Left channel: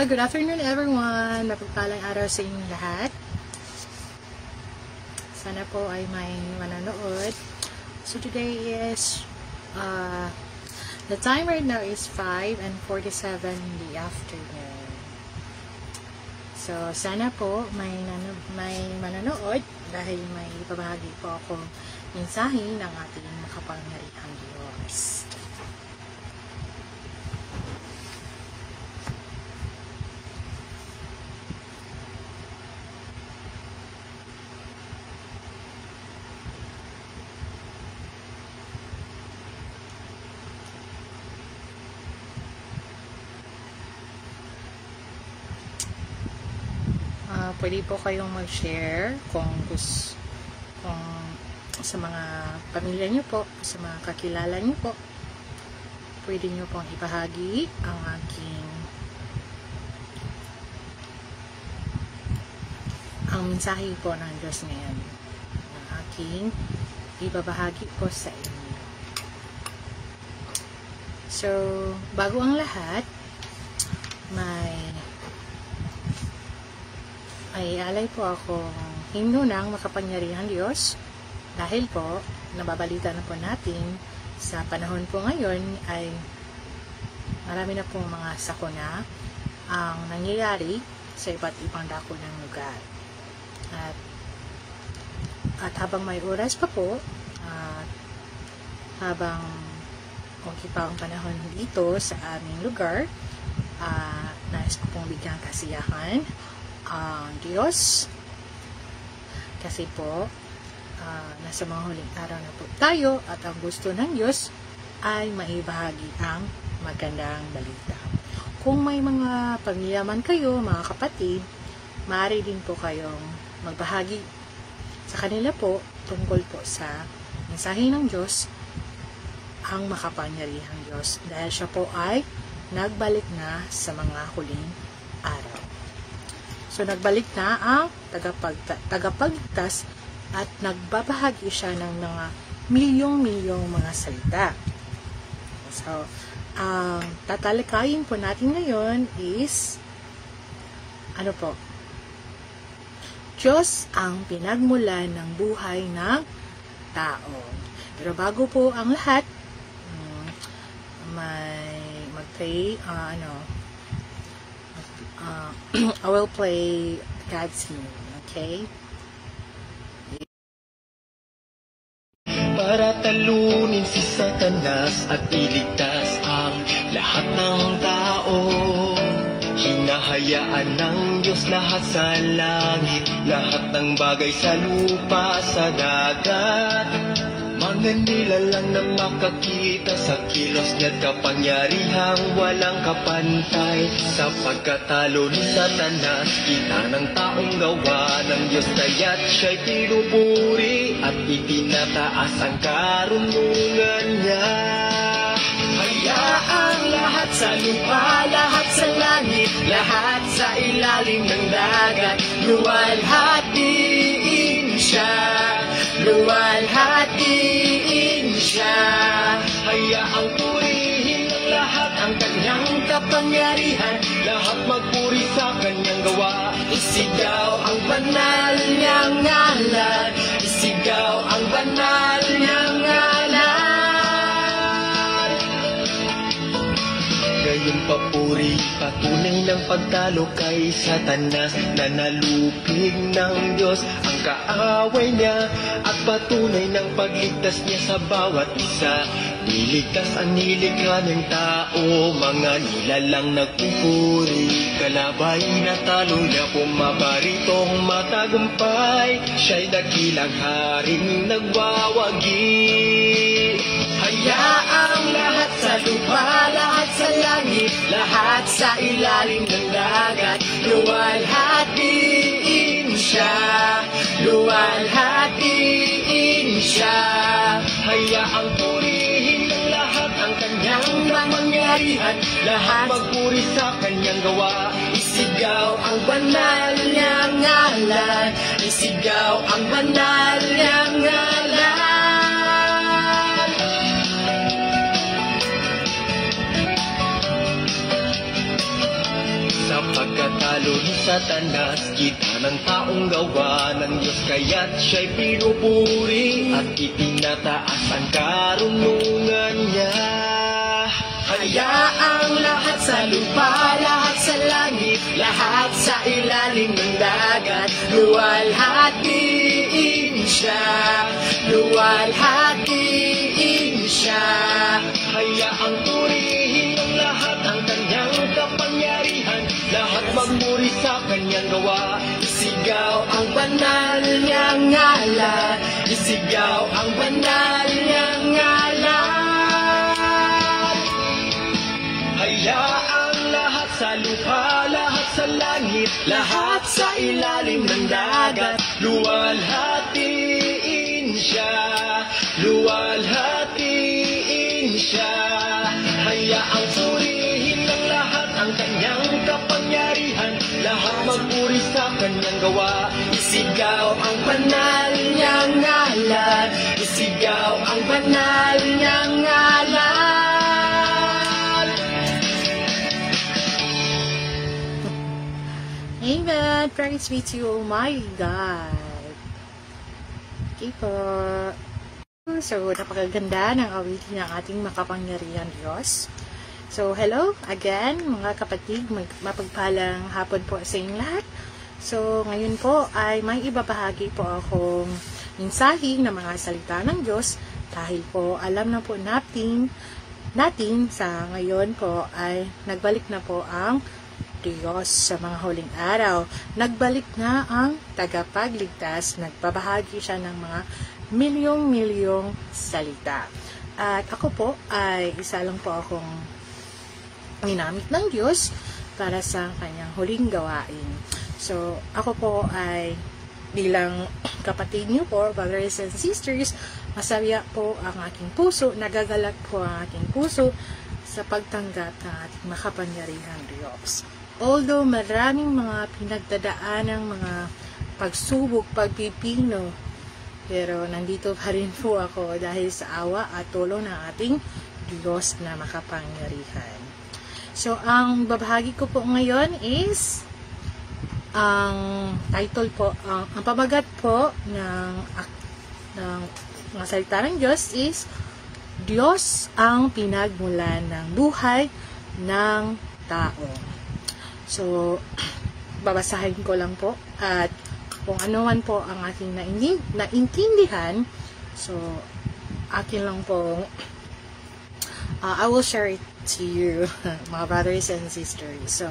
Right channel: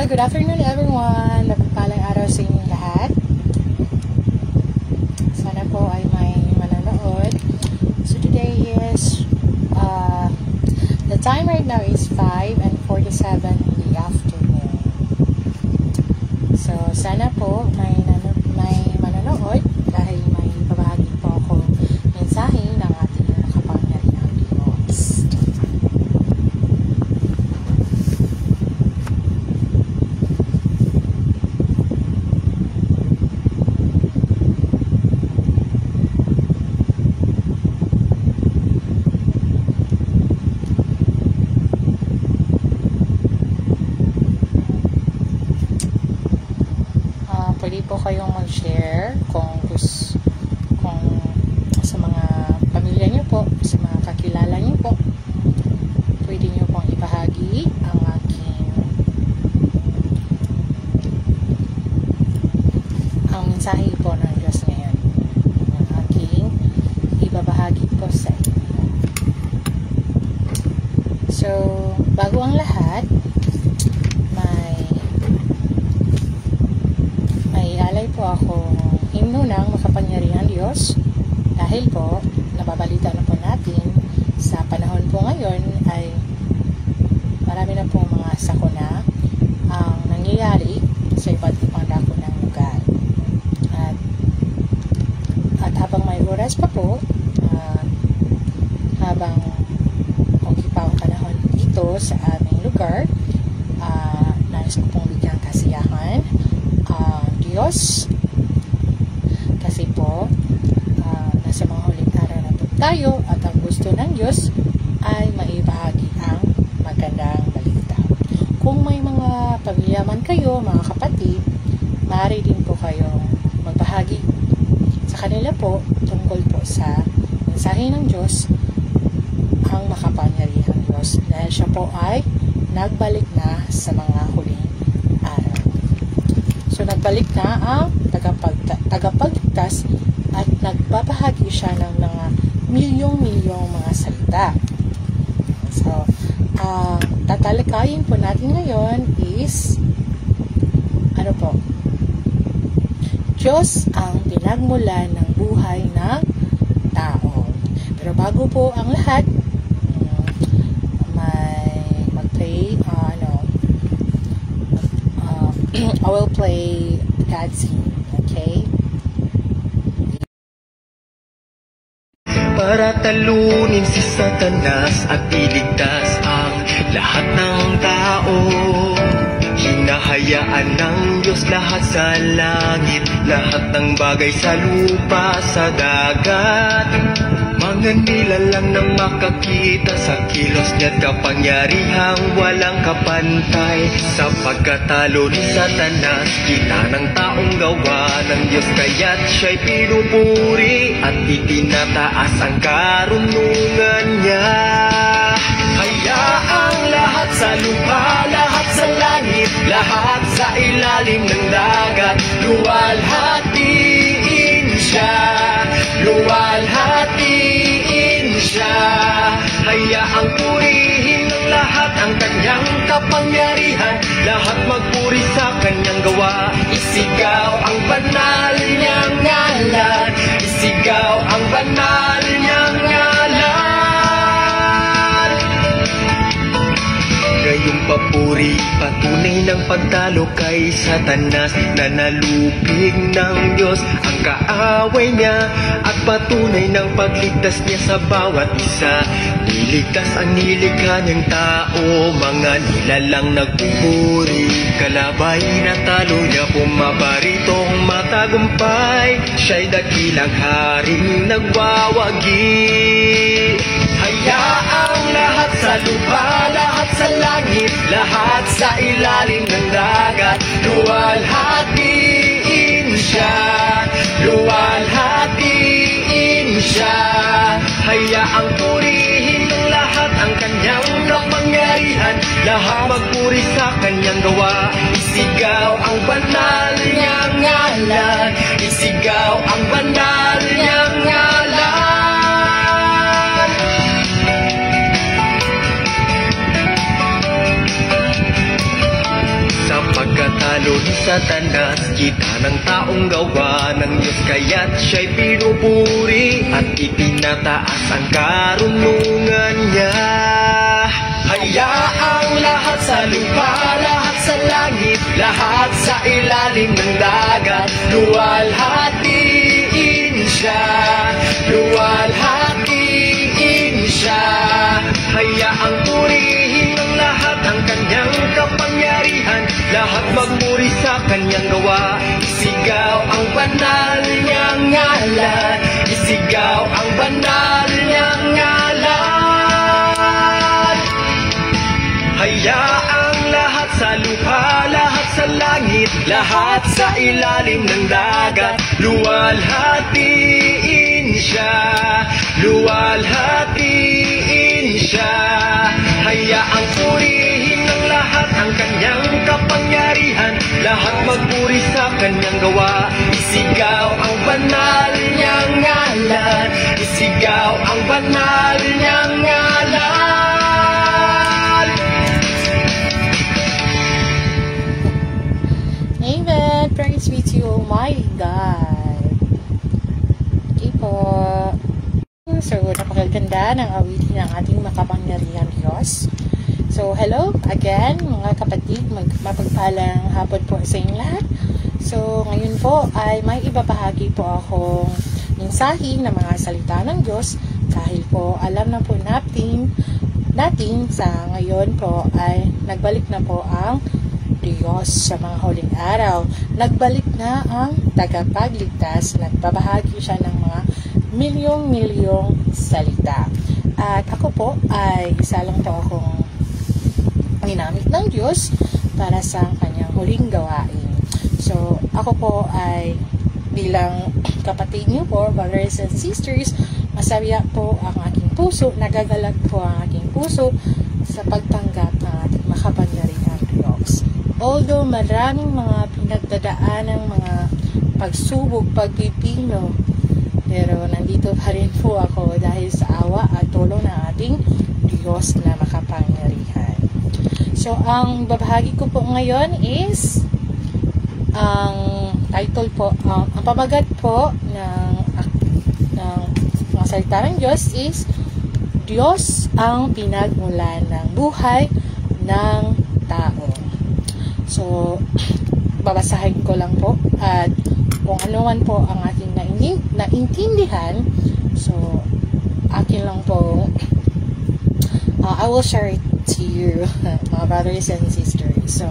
Well, good afternoon everyone. Mapagpalang araw sa inyong lahat. Sana po ay may manonood. So today is, the time right now is 5:47 in the afternoon. So sana po may manonood dahil may babahagi po ako mensahe ng ating makapangyarihang Diyos. Pwede po kayong mag-share kung sa mga pamilya niyo po, sa mga kakilala niyo po. Pwede niyo pong ibahagi ang mensahe po ng Diyos ngayon. Ang aking ibabahagi po sa inyo. So, bago ang lahat, may alay po akong himno ng makapangyarihang Diyos dahil po nababalita na po natin sa panahon po ngayon ay marami na po mga sakuna ang nangyayari sa iba't ibang dako ng lugar. At habang may oras pa po, habang okay pa ang panahon dito sa aming lugar, nais ko pong bigyang kasiyahan Diyos kasi po nasa mga huling araw na po tayo at ang gusto ng Diyos ay maibahagi ang magandang balita. Kung may mga pagyaman kayo, mga kapatid, maaari din po kayong magbahagi sa kanila po tungkol po sa mensahe ng Diyos, ang makapangyarihang Diyos, dahil siya po ay nagbalik na sa mga huling araw. So, nagbalik na ang tagapagligtas at nagbabahagi siya ng mga milyong-milyong mga salita. So, ang tatalakayin po natin ngayon is, Diyos ang pinagmulan ng buhay ng tao. Pero bago po ang lahat, may mag-pray, I will play God's hymn, okay? Para talunin si Satanas at iligtas ang lahat ng tao. Hinahayaan ng Diyos lahat sa langit, lahat ng bagay sa lupa, sa dagat. Mga nilalang na makakita sa kilos niya't kapangyarihang walang kapantay. Sa pagkatalo ni Satanas, kita ng taong gawa ng Diyos, kaya't siya'y pinupuri at itinataas ang karunungan niya. Hayaang lahat sa lupa, lahat sa langit, lahat sa ilalim ng dagat, luwalhatiin siya, luwalhatiin siya. Hayaang purihin ng lahat ang kanyang kapangyarihan, lahat magpuri sa kanyang gawa. Isigaw ang banal niyang ngalan, isigaw ang banal niyang ngalan. Gayong papuri, patunay ng pagtalo kay Satanas, nanalupig ng Diyos ang kaaway niya, at patunay ng pagligtas niya sa bawat isa. Niligtas ang nilikha niyang tao, mga nilalang nagpupuri, kalabay na talo niya, pumaparitong matagumpay, siya'y dakilang haring nagwawagi. Hayaang lahat sa lupa, lahat sa langit, lahat sa ilalim ng dagat, luwalhatiin siya, luwalhatiin siya. Hayaang purihin ng lahat ang kanyang kapangyarihan, lahat magpuri sa kanyang gawa. Isigaw ang banal niyang ngalan, isigaw ang banal niyang ngalan. Sa Lord Satanas, kita ng taong gawa ng Diyos, kaya't siya'y pinupuri at itinataas ang karunungan niya. Hayaang lahat sa lupa, lahat sa langit, lahat sa ilalim ng dagat, luwalhatiin siya, luwalhatiin siya. Hayaang purihin ng lahat ang kanyang kapangyarihan, lahat magmuri sa kanyang gawa. Isigaw ang banal niyang ngalan, isigaw ang banal niyang ngalan. Hayaang lahat sa lupa, lahat sa langit, lahat sa ilalim ng dagat, luwalhatiin siya, luwalhatiin siya. Hayaang purihin ng lahat ang kanyang kapangyarihan, lahat magpuri sa kanyang gawa. Isigaw ang banal niyang ngalan, isigaw ang banal niyang ngalan. Amen. Praise be to Almighty God. Okay po. So, napakaganda ng awitin ng ating makapangyarihan Diyos. So, hello again mga kapatid. Mapagpalang hapon po sa inyong lahat. So, ngayon po ay may ibabahagi po akong mensahe ng mga salita ng Diyos. Dahil po alam na po natin sa ngayon po ay nagbalik na po ang Diyos sa mga huling araw. Nagbalik na ang tagapagligtas. Nagbabahagi siya ng mga milyong-milyong salita. At ako po ay isa lang po akong ginamit ng Diyos para sa kanyang huling gawain. So, ako po ay bilang kapatid niyo po, brothers and sisters, masaya po ang aking puso, nagagalak po ang aking puso sa pagtanggap ng ating makapangyarihang Diyos. Although maraming mga pinagdadaan ng mga pagsubok, pagpipino, pero nandito pa rin po ako dahil sa awa at tulong ng ating Diyos na makapangyarihan. So, ang babahagi ko po ngayon is ang title po, ang pamagat po ng mga salita ng Diyos is Diyos ang pinagmulan ng buhay ng tao. So, babasahin ko lang po at kung ano man po ang ating naintindihan, so, akin lang po, I will share it to you, mga brothers and sisters. So,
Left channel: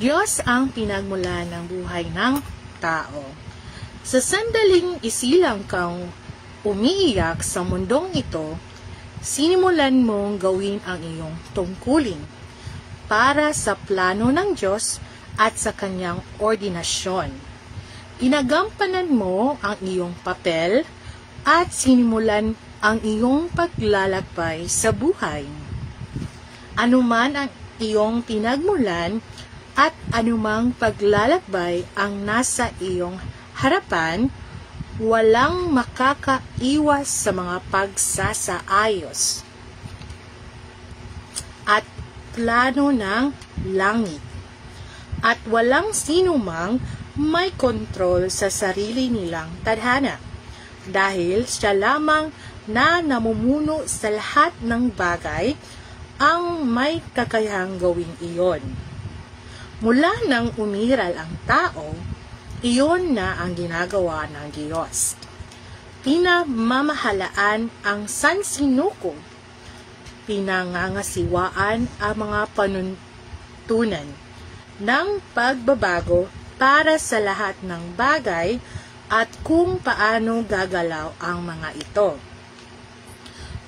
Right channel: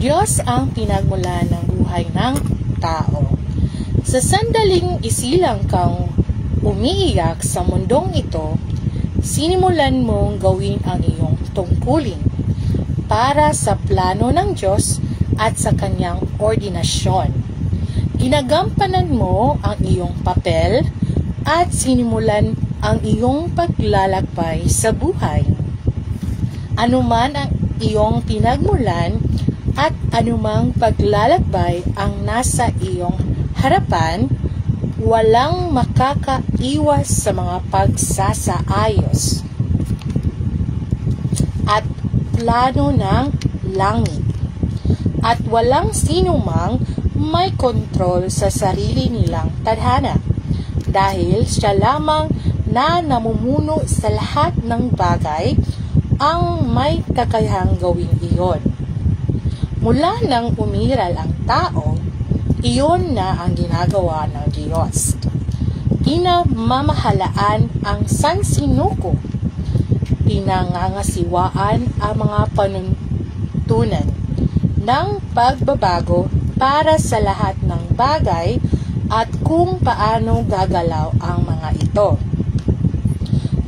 Diyos ang pinagmulan ng buhay ng tao. Sa sandaling isilang kang umiiyak sa mundong ito, sinimulan mong gawin ang iyong tungkulin para sa plano ng Diyos at sa kanyang ordinasyon. Ginagampanan mo ang iyong papel at sinimulan ang iyong paglalakbay sa buhay. Anuman ang iyong pinagmulan at anumang paglalakbay ang nasa iyong harapan, walang makakaiwas sa mga pagsasaayos at plano ng langit, at walang sinumang may kontrol sa sarili nilang tadhana, dahil siya lamang na namumuno sa lahat ng bagay ang may kakayahang gawin iyon. Mula nang umiral ang tao, iyon na ang ginagawa ng Diyos. Pinamamahalaan ang sansinuko, pinangangasiwaan ang mga panuntunan ng pagbabago para sa lahat ng bagay at kung paano gagalaw ang mga ito.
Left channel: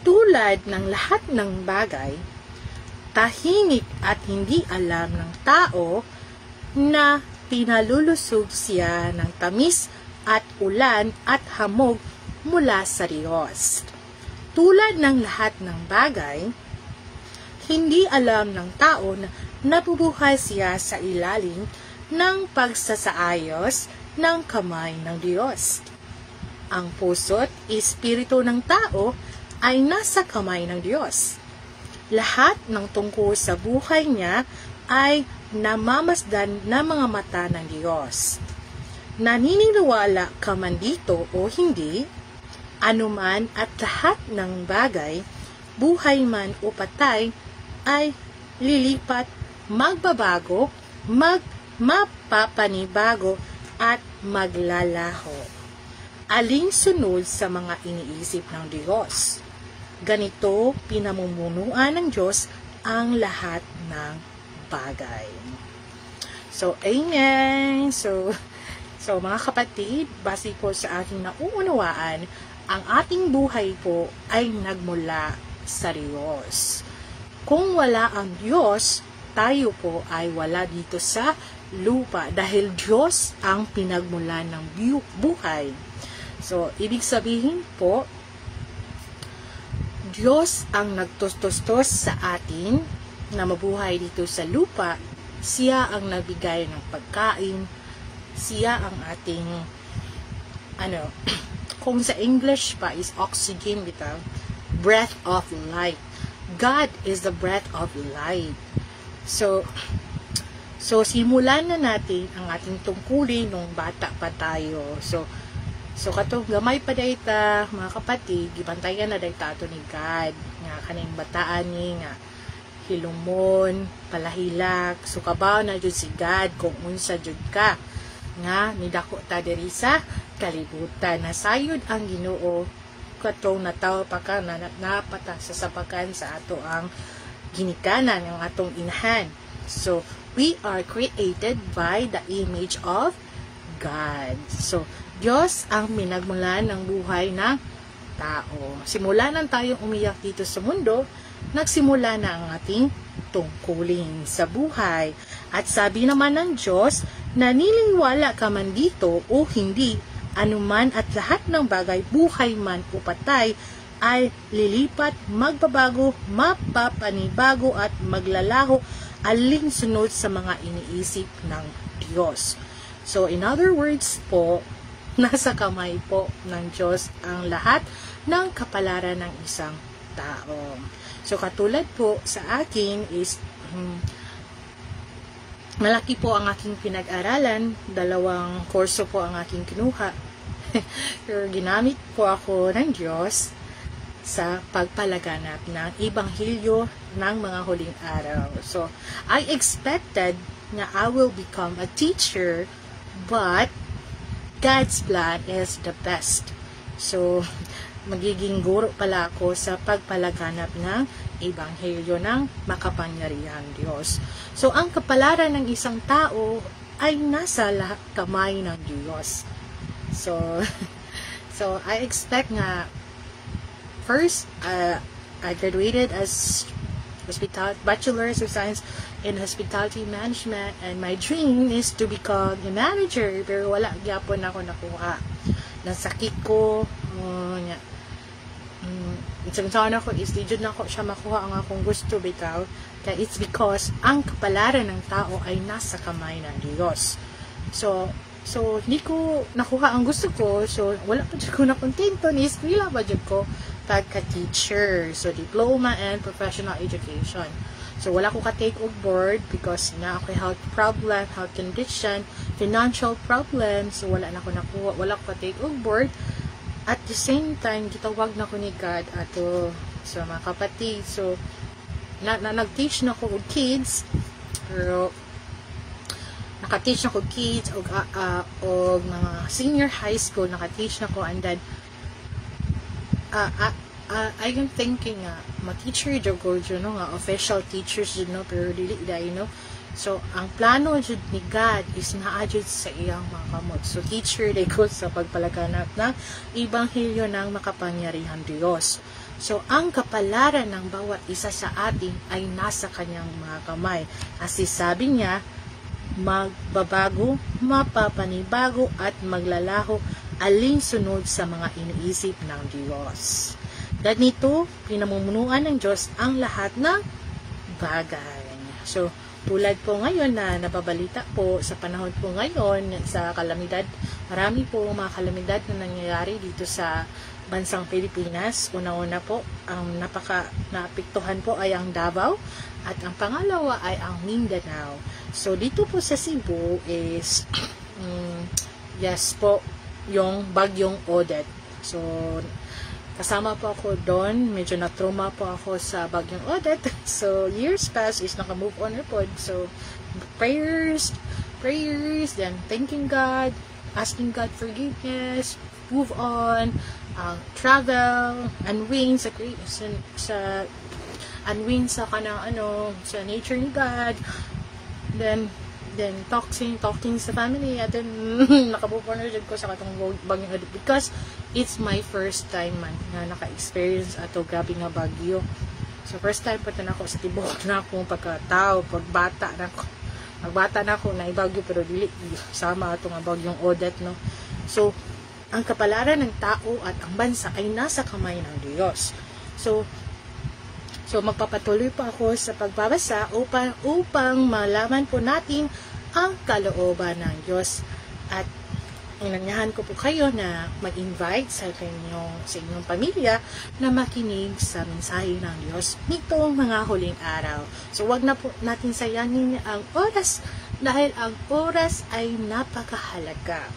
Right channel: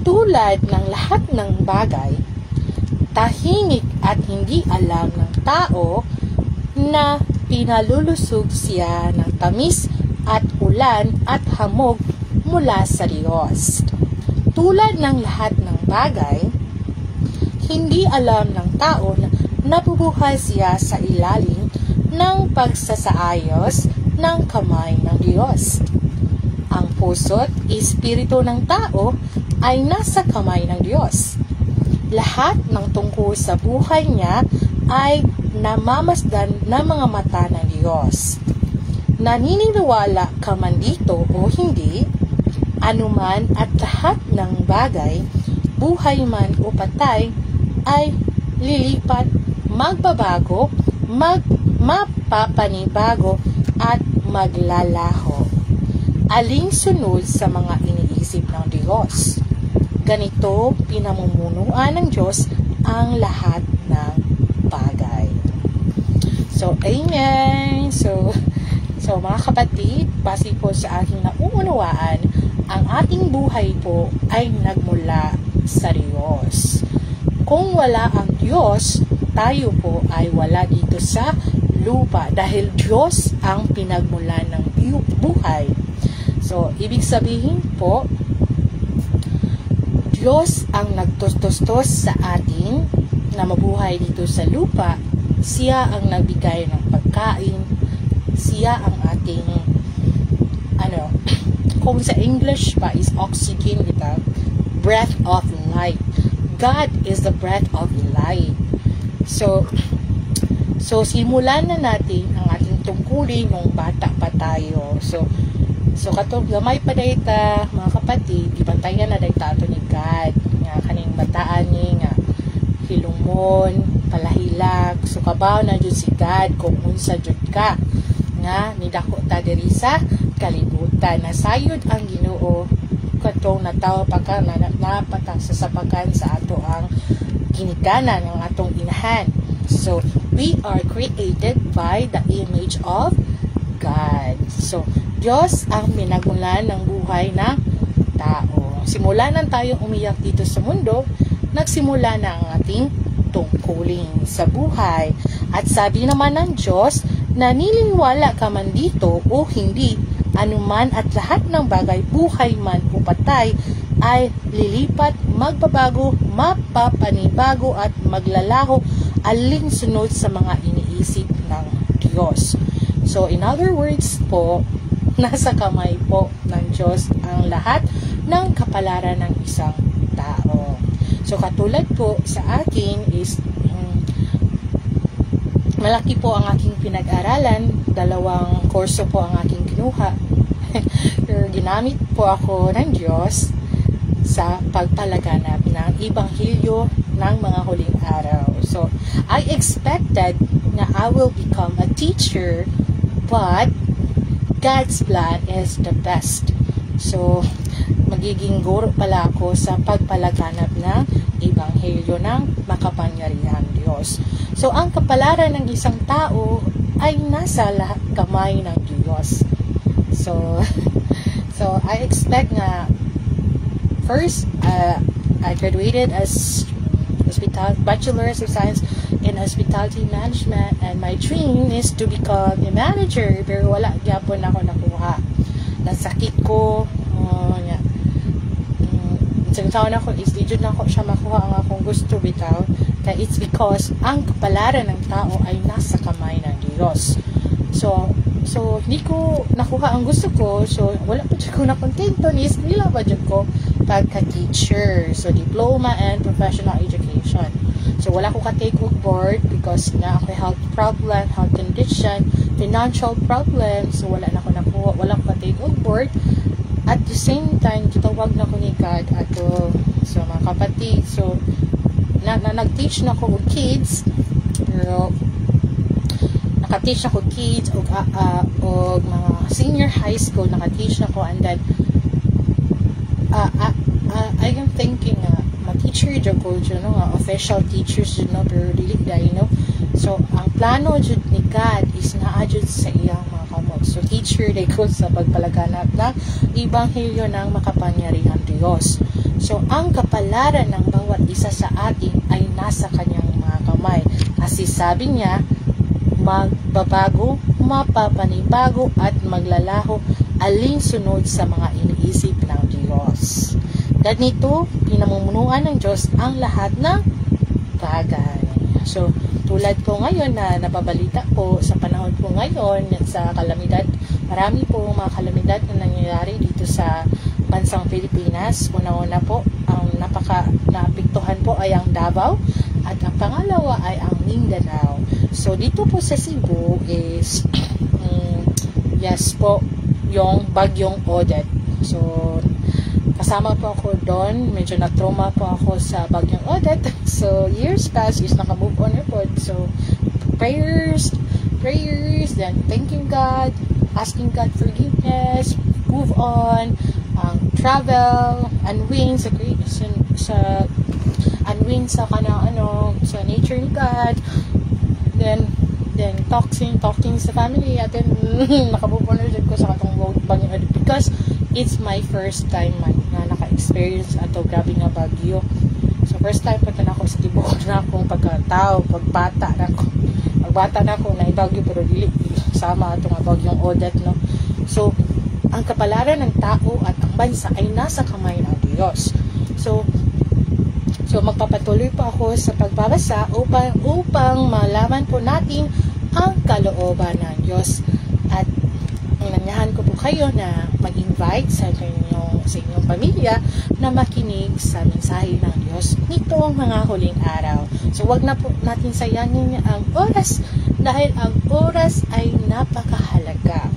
Tulad ng lahat ng bagay, tahimik at hindi alam ng tao na pinalulusob siya ng tamis at ulan at hamog mula sa Diyos. Tulad ng lahat ng bagay, hindi alam ng tao na nabubuhay siya sa ilalim ng pagsasaayos ng kamay ng Diyos. Ang puso't espiritu ng tao ay nasa kamay ng Diyos. Lahat ng tungkol sa buhay niya ay namamasdan ng mga mata ng Diyos. Naniniwala ka man dito o hindi, anuman at lahat ng bagay, buhay man o patay, ay lilipat, magbabago, mapapanibago, at maglalaho. Alinsunod sa mga iniisip ng Diyos. Ganito pinamumunuan ng Diyos ang lahat ng bagay. So, amen! So mga kapatid, base po sa aking nauunawaan, ang ating buhay po ay nagmula sa Diyos. Kung wala ang Diyos, tayo po ay wala dito sa lupa dahil Diyos ang pinagmulan ng buhay. So, ibig sabihin po, Diyos ang nagtustos sa atin na mabuhay dito sa lupa. Siya ang nagbigay ng pagkain. Siya ang ating, kung sa English pa is oxygen, breath of life. God is the breath of life. So simulan na natin ang ating tungkulin nung bata pa tayo. So katong gamay pa dayta, mga kapatid, ibantayan na dayta ato ni God. Nga kaning bataan ni nga hilumon, palahilak, so kabaw na jud si God kung unsa jud ka. Nga nidako ta diri sa kalibutan. Nasayod ang Ginoo katong nataw pa ka na napata sa sapakan sa ato ang ginikanan ng atong inahan. So we are created by the image of God. So Diyos ang minagmulan ng buhay ng tao. Simula na tayong umiyak dito sa mundo, nagsimula na ang ating tungkulin sa buhay. At sabi naman ng Diyos, naniniwala ka man dito o hindi, anuman at lahat ng bagay, buhay man o patay, ay lilipat, magbabago, mapapanibago at maglalaho alinsunod sa mga iniisip ng Diyos. So, in other words po, nasa kamay po ng Diyos ang lahat ng kapalaran ng isang tao. So, katulad po sa akin is, malaki po ang aking pinag-aralan. 2 kurso po ang aking kinuha. Pero ginamit po ako ng Diyos sa pagpalaganap ng Ebanghelyo ng mga huling araw. So, I expected na I will become a teacher, but God's plan is the best. So, magiging guro pala ako sa pagpalaganap ng Ebanghelyo ng makapangyarihan Diyos. So, ang kapalaran ng isang tao ay nasa kamay ng Diyos. So I expect na first, I graduated as Bachelor's of Science in Hospitality Management, and my dream is to become a manager, pero wala gyapon ako nakuha. Nasakit ko, isang taon ako, is-digit na ako siya makuha ang akong gusto bitaw. That it's because ang kapalaran ng tao ay nasa kamay ng Diyos. So hindi ko nakuha ang gusto ko, so wala pa dyan ko nakontento, ni-eskwela pa dyan ko pagka-teacher. So, diploma and professional education. So, wala ko ka-take og board because na ako health problem, health condition, financial problem. So, wala na ko nakuha, wala ko ka-take og board. At the same time, kitawag na ko ni God ato. So, mga kapatid, so, nag-teach na ko og kids, pero naka-teach na ko kids og mga senior high school, naka-teach na ko, and then I am thinking ma-teacher jud ko nga official teachers jud no, pero dili dai no. So ang plano jud ni God is naa jud sa iyang mga kamot. So teacher day ko sa pagpalaganap ng Ebanghelyo ng makapangyarihan Diyos. So ang kapalaran ng bawat isa sa atin ay nasa kanyang mga kamay. Kasi sabi niya, magbabago, mapapanibago at maglalaho alinsunod sa mga iniisip ng Diyos. Ganito, pinamumunuan ng Diyos ang lahat ng bagay. So, tulad po ngayon na nababalita po sa panahon po ngayon sa kalamidad, marami po mga kalamidad na nangyayari dito sa bansang Pilipinas. Una-una po, ang naapektuhan po ay ang Davao at ang pangalawa ay ang Mindanao. So, dito po sa Cebu is, yes po, yung bagyong Odette. So, kasama po ako doon. Medyo na-trauma po ako sa bagyong Odette. So, years past is naka-move on po. So, prayers, then thanking God, asking God forgiveness, move on, travel, unwind sa sa nature ni God, then talking sa family, at then nakabubunan ulit ko sa katong bagyong Odette because it's my first time na naka-experience ato grabe nga bagyo. So first time pa na ako sa tibok na akong pagkatao, pagbata na ako na ibagyo, pero dili sama ato nga bagyong Odette, no. So ang kapalaran ng tao at ang bansa ay nasa kamay ng Diyos. So magpapatuloy po ako sa pagbabasa upang malaman po natin ang kalooban ng Diyos. At inanyahan ko po kayo na mag-invite sa inyong pamilya na makinig sa mensahe ng Diyos nitong mga huling araw. So wag na po natin sayangin ang oras dahil ang oras ay napakahalaga.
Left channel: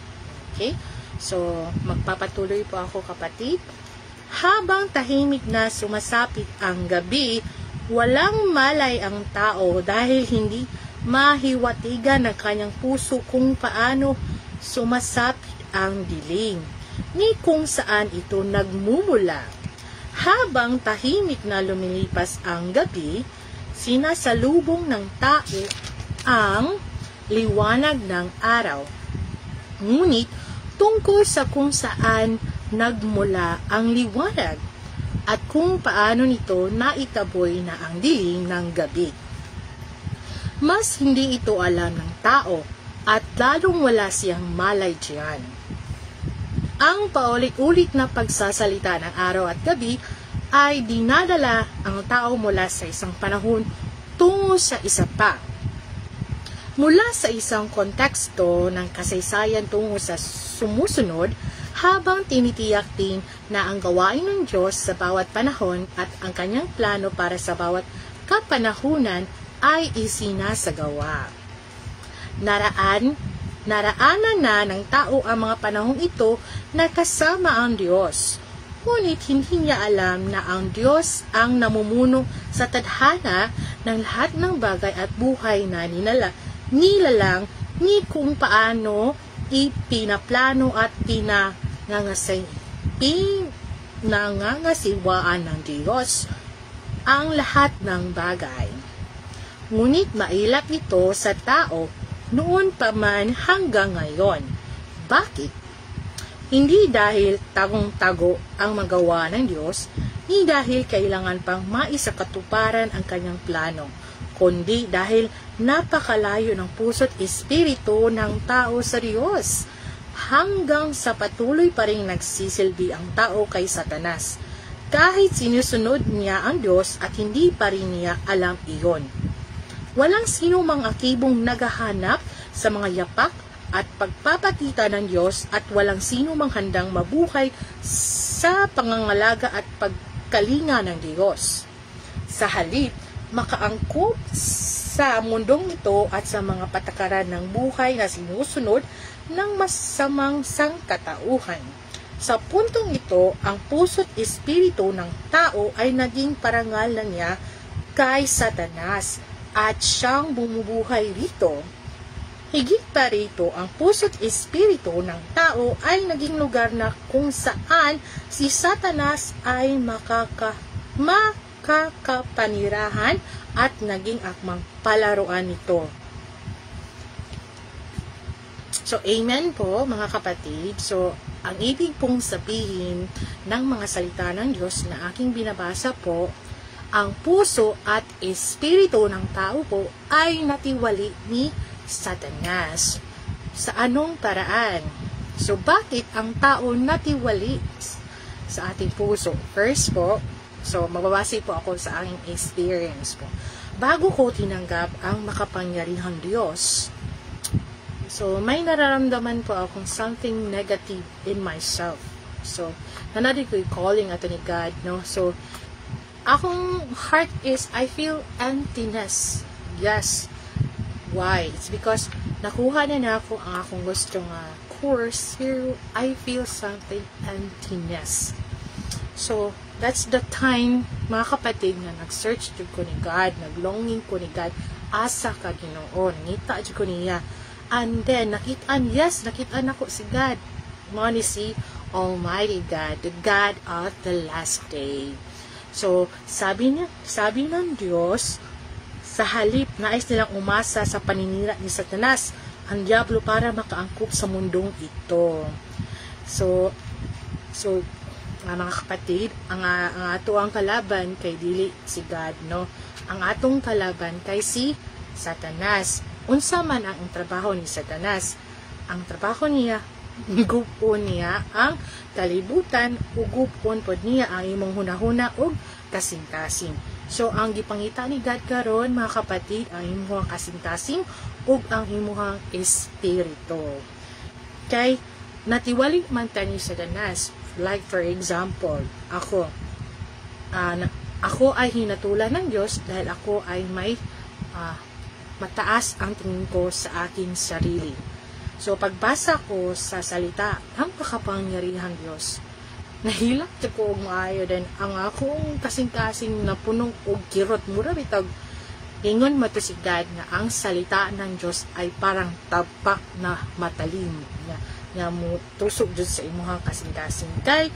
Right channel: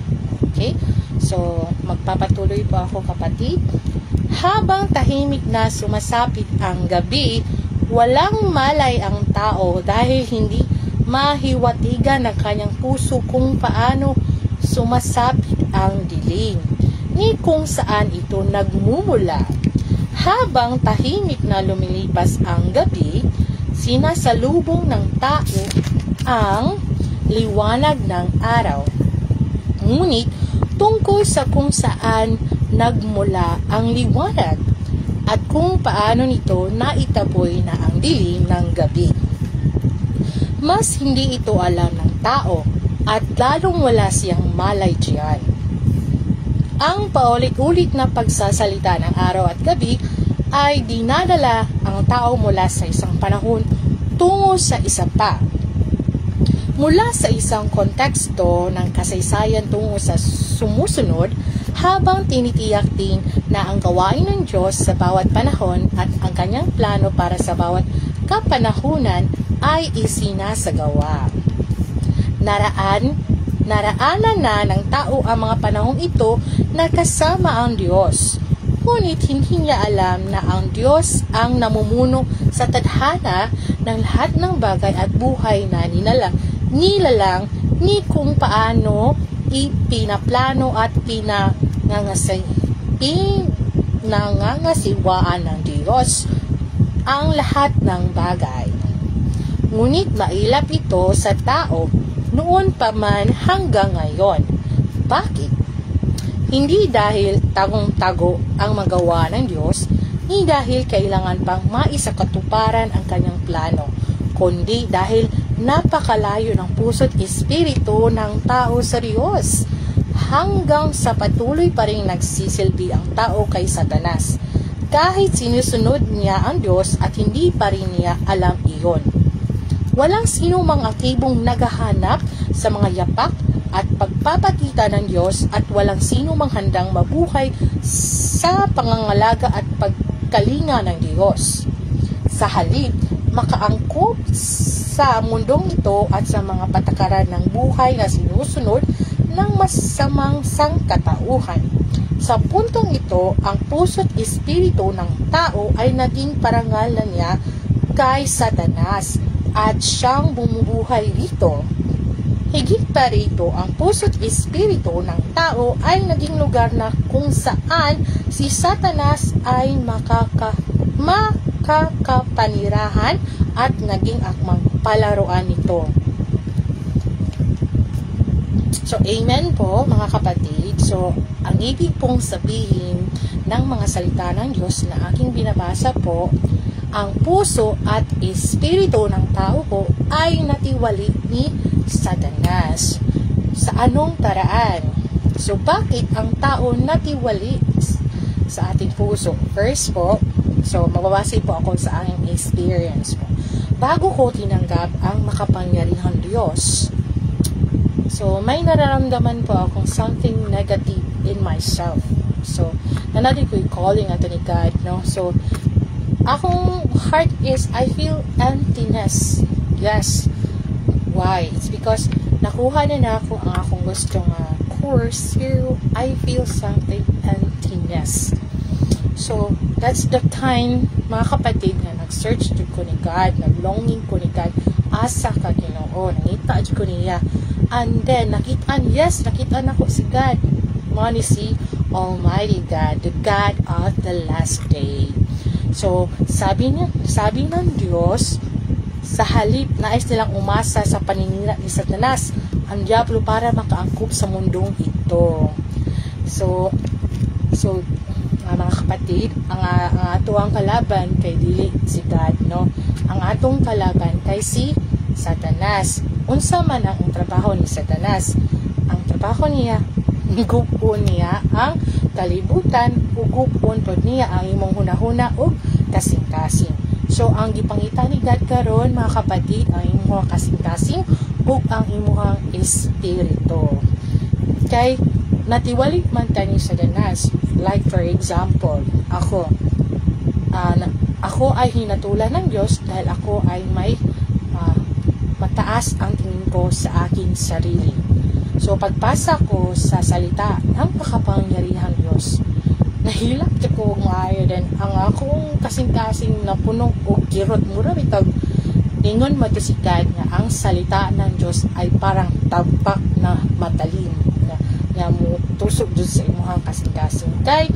Okay? So magpapatuloy po ako, kapatid. Habang tahimik na sumasapit ang gabi, walang malay ang tao dahil hindi mahiwatigan ng kanyang puso kung paano sumasapit ang dilim, ni kung saan ito nagmumula. Habang tahimik na lumilipas ang gabi, sinasalubong ng tao ang liwanag ng araw. Ngunit tungkol sa kung saan nagmula ang liwanag at kung paano nito naitaboy na ang dilim ng gabi, mas hindi ito alam ng tao at lalong wala siyang malay diyan. Ang paulit-ulit na pagsasalita ng araw at gabi ay dinadala ang tao mula sa isang panahon tungo sa isa pa. Mula sa isang konteksto ng kasaysayan tungo sa sumusunod, habang tinitiyak din na ang gawain ng Diyos sa bawat panahon at ang kanyang plano para sa bawat kapanahunan ay isinasagawa. Naraanan na ng tao ang mga panahong ito na kasama ang Diyos. Ngunit hindi niya alam na ang Diyos ang namumuno sa tadhana ng lahat ng bagay at buhay na nilalang ni kung paano ipinaplano at pinangangasiwaan ng Diyos ang lahat ng bagay. Ngunit mailap ito sa tao noon pa man hanggang ngayon. Bakit? Hindi dahil tagong-tago ang magawa ng Diyos, ni dahil kailangan pang maisakatuparan ang kanyang plano, kundi dahil napakalayo ng puso't espiritu ng tao sa Diyos, hanggang sa patuloy pa rin nagsisilbi ang tao kay Satanas, kahit sinusunod niya ang Diyos at hindi pa rin niya alam iyon. Walang sino mang aktibong naghahanap sa mga yapak at pagpapakita ng Diyos at walang sino mang handang mabuhay sa pangangalaga at pagkalinga ng Diyos. Sa halip, makaangkop sa mundong ito at sa mga patakaran ng buhay na sinusunod ng masamang sangkatauhan. Sa puntong ito, ang puso't espiritu ng tao ay naging parangal na niya kay Satanas at siyang bumubuhay rito. Higit pa rito, ang puso't espiritu ng tao ay naging lugar na kung saan si Satanas ay makakapanirahan at naging akmang palaruan nito. So, amen po mga kapatid. So, ang ibig pong sabihin ng mga salita ng Diyos na aking binabasa po, ang puso at espiritu ng tao po ay natiwali ni Satanas. Sa anong paraan? So, bakit ang tao natiwali sa ating puso? First po, so magbabase po ako sa aking experience po. Bago ko tinanggap ang makapangyarihang Diyos, so may nararamdaman po akong something negative in myself. So, nanatid ko yung calling ato ni God, no? So, akong heart is, I feel emptiness. Yes. Why? It's because nakuha na ako ang akong gustong course, pero I feel something emptiness. So, that's the time, mga kapatid, na nag-search ko ni God, nag-longing ko ni God, asa ka Ginoo, nangita ko niya. And then, nakita na ko si God. Money si Almighty God, the God of the last day. So, sabi ng Diyos, sa halip nais nilang umasa sa paninira ni Satanas, ang diablo para makaangkop sa mundong ito. So mga kapatid, ang ato ang kalaban kay dili si God, no? Ang atong kalaban kay si Satanas. Unsa man ang trabaho ni Satanas? Ang trabaho niya, gupon niya ang kalibutan, ugupon pod niya ang imong hunahuna ug kasing-kasing. So ang gipangita ni God karon, mga kapatid, ang imong kasing-kasing ug ang imong espiritu. Kay natiwali man ta ni Satanas. Like for example, ako ay hinatulan ng Diyos dahil ako ay may mataas ang tingin ko sa aking sarili. So pagpasa ko sa salita ng makapangyarihang Diyos, nahilap ko maayo din ang akong kasing-kasing na punong o kirot mura bitag ingon matusikad nga ang salita ng Diyos ay parang tabak na matalim nga mo tusok dyan sa imuhang kasing-kasing. Kay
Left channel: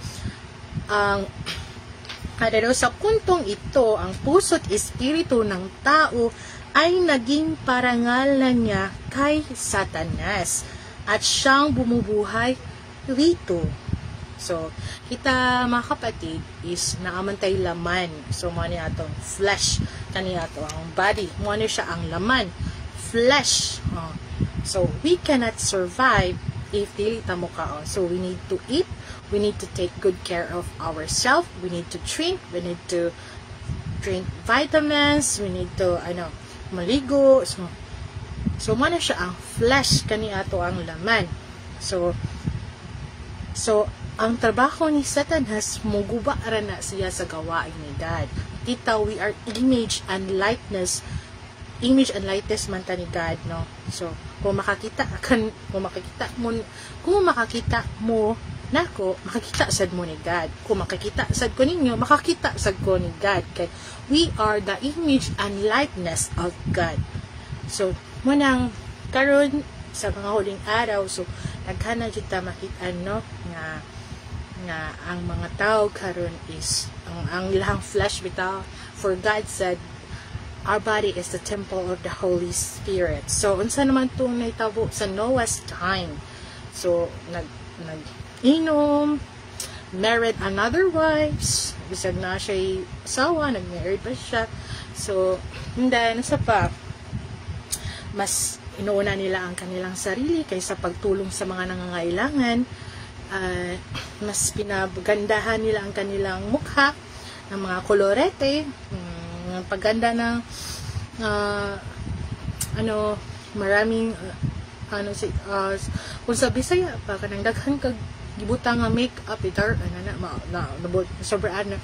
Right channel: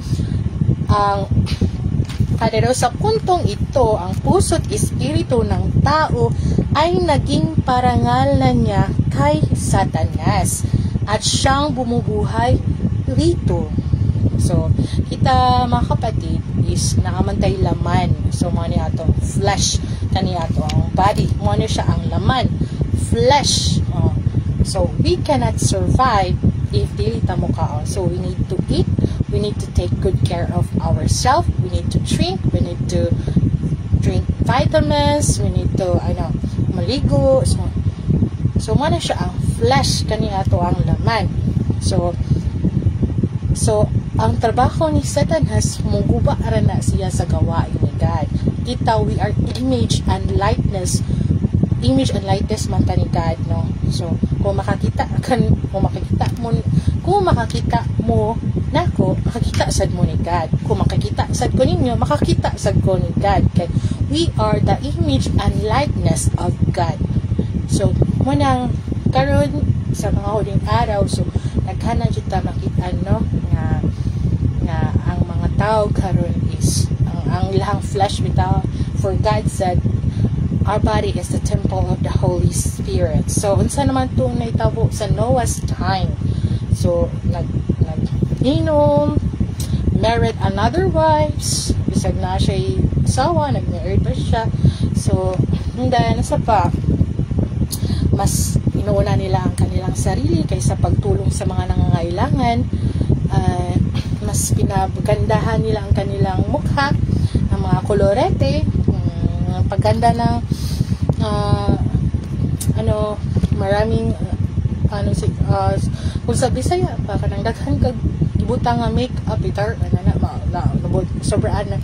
kada sa puntong ito, ang puso't espiritu ng tao ay naging parangal na niya kay Satanas at siyang bumubuhay rito. So, kita mga kapatid is nakamantay laman. So, mga atong flesh, kaniya to ang body. Mga siya ang laman. Flesh. So, we cannot survive if dili ta mo kaon. So, we need to eat. We need to take good care of ourselves. We need to drink. We need to drink vitamins. We need to, maligo. So mana siya ang flesh, kaniya to ang laman. So, ang trabaho ni Satanas, muguba ara na siya sa gawain ni God. Kita, we are image and likeness man ta ni God, no? So, kung makakita mo nako, makakita sad mo ni God. Kung makakita sad ko ninyo, makakita sad ko ni God. Kay we are the image and likeness of God. So, munang karon sa mga huling araw, so naghana jud ta makita, no, nga ang mga tao karon is ang ilang flesh bitaw. For God said, our body is the temple of the Holy Spirit. So, unsa naman ito naitabo sa Noah's time? So, nag-inom, married another wives, bisag na siya asawa, nag-married pa siya. So, nasa pa, mas inuuna nila ang kanilang sarili kaysa pagtulong sa mga nangangailangan. Mas pinagandahan nila ang kanilang mukha, ng mga kolorete, pagganda ng maraming kung sa Bisaya pa kanang daghan kag gibutang nga make-up itar sobraan na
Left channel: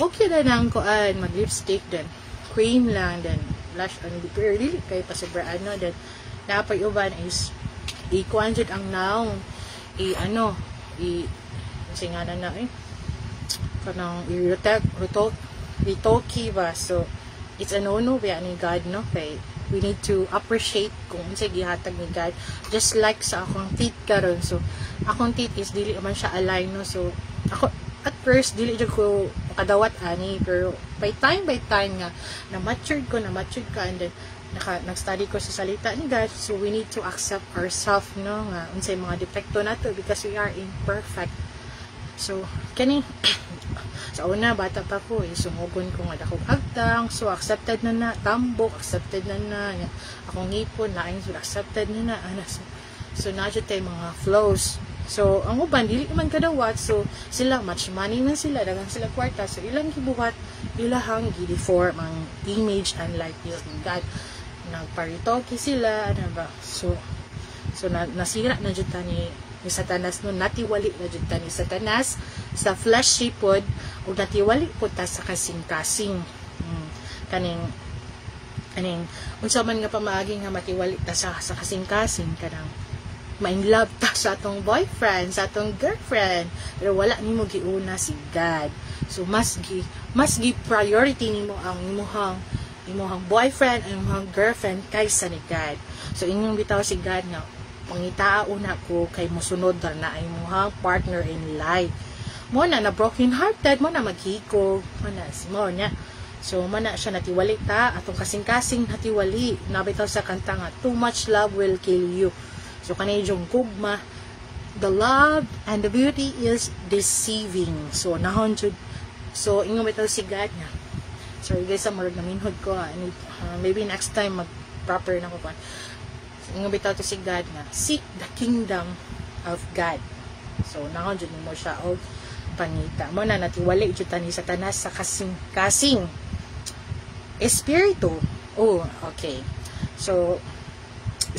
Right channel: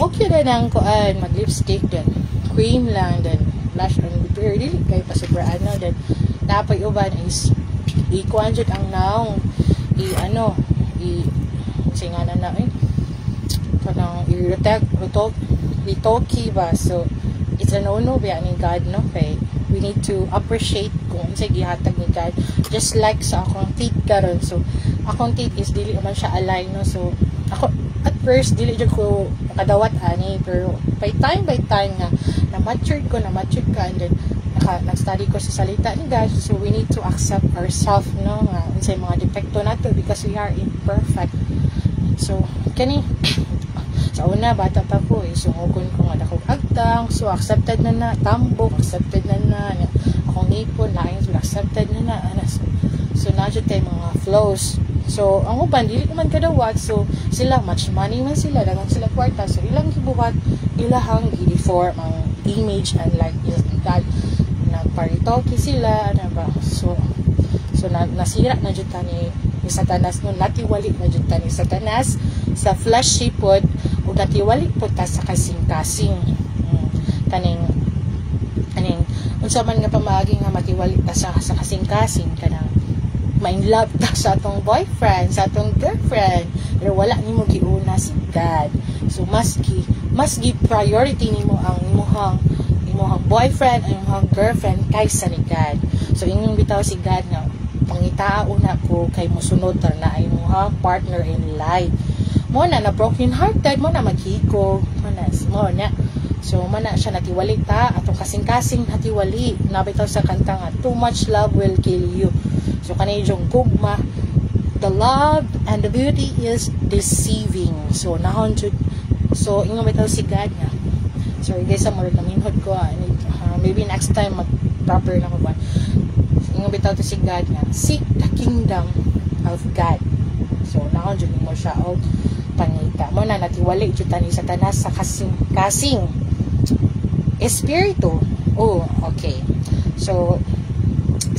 okay na nang kuan mag lipstick then cream lang then blush and pero dili kay pa sobraan no then napay uban is ikuan jud ang naong singana na kanang ritoki ba. So it's a no-no ba ni God, no? Kay we need to appreciate kung sa gihatag ni God. Just like sa akong teeth karon. So akong teeth is dili man siya align, no? So ako at first dili jud ko makadawat ani, pero by time nga na matured ka and then nag-study ko sa salita ni God. So we need to accept ourselves, no, nga unsay mga depekto nato because we are imperfect. So kani sa una bata pa ko sungukon ko nga dako agtang, so accepted na tambok, accepted na akong ngipon lain, so accepted na so na jud tay mga flows. So ang uban dili man kadawat, so sila much money man sila, dagang sila kwarta, so ilang gibuhat ilahang i-deform ang image and likeness ni God. Nagparitoki sila ba, so nasira na jud ta ni Satanas, no, natiwali na jud ta ni Satanas sa fleshy pod ug natiwali po ta sa kasing-kasing kaning aning unsa man nga pamagi nga makiwali ta sa kasing-kasing kanang ma-in love ta sa atong boyfriend, sa atong girlfriend, pero wala nimo giuna si God. So mas gi priority nimo ang imong boyfriend and imong girlfriend kaysa ni God. So inyong bitaw si God nga pangitao na ko kay mosunod na imong partner in life. Mo na broken hearted, mo na maghiko, mo na. So mo na siya natiwali ta atong kasing-kasing natiwali. Nabitaw sa kanta nga too much love will kill you. So kanay yung gugma, the love and the beauty is deceiving. So nahon jud. So ingon bitaw si God nga. Sorry guys, sa murag na minhod ko. Maybe next time mag-proper na ko ba. So ingon bitaw to si God nga, seek the kingdom of God. So nahon jud mo siya og pangita. Mo na natiwali jud tani sa tanas sa kasing-kasing espiritu. Oh, okay. So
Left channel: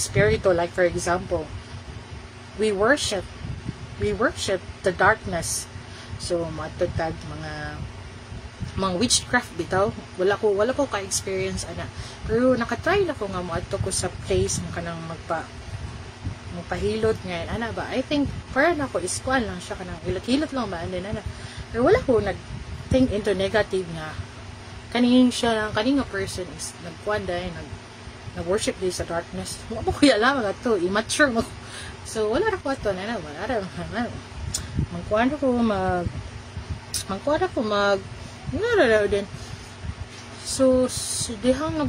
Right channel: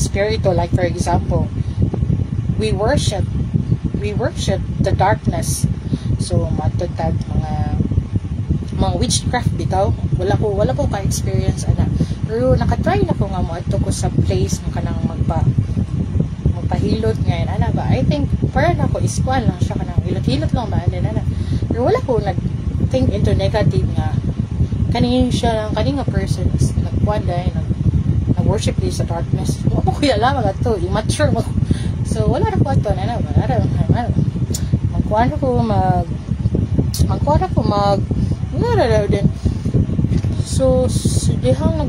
spirito, like for example, we worship the darkness. So matutag mga witchcraft bitaw, wala ko ka-experience ana, pero nakatry na ko nga mo adto ko sa place mo kanang magpahilot ngayon ana ba, I think para na ko iskwal lang siya kanang hilot-hilot lang ba din ana, pero wala ko nag-think into negative nga kaning nga person nagkuan dahil nag-worship din sa darkness. Wala ko kuya lang mga to, immature mo. So wala ra ko ato na wala ra magkuan ko nara din. So dihang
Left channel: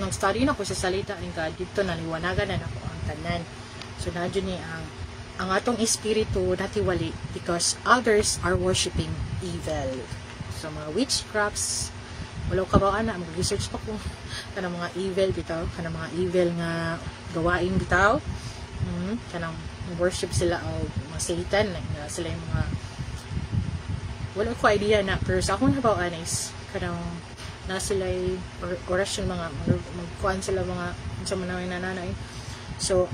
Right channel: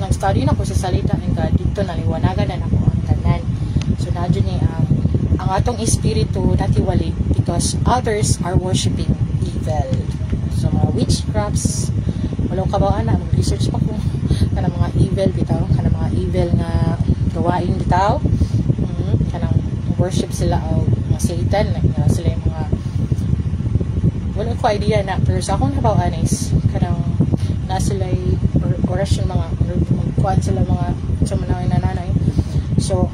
nag-study na ko sa salita ng God, dito naliwanagan na ako ang tanan. So nadyo ni ang atong espiritu natiwali because others are worshiping evil. So mga witchcrafts, wala ka ba ana, mag-research pa ko kanang mga evil bitaw, kanang mga evil nga gawain bitaw. Kanang worship sila o mga Satan, na sila yung mga wala ko idea na, pero sa akong nabawaan is kanang na sila orasyon mga magkuhan sila mga sa manawin na nanay. So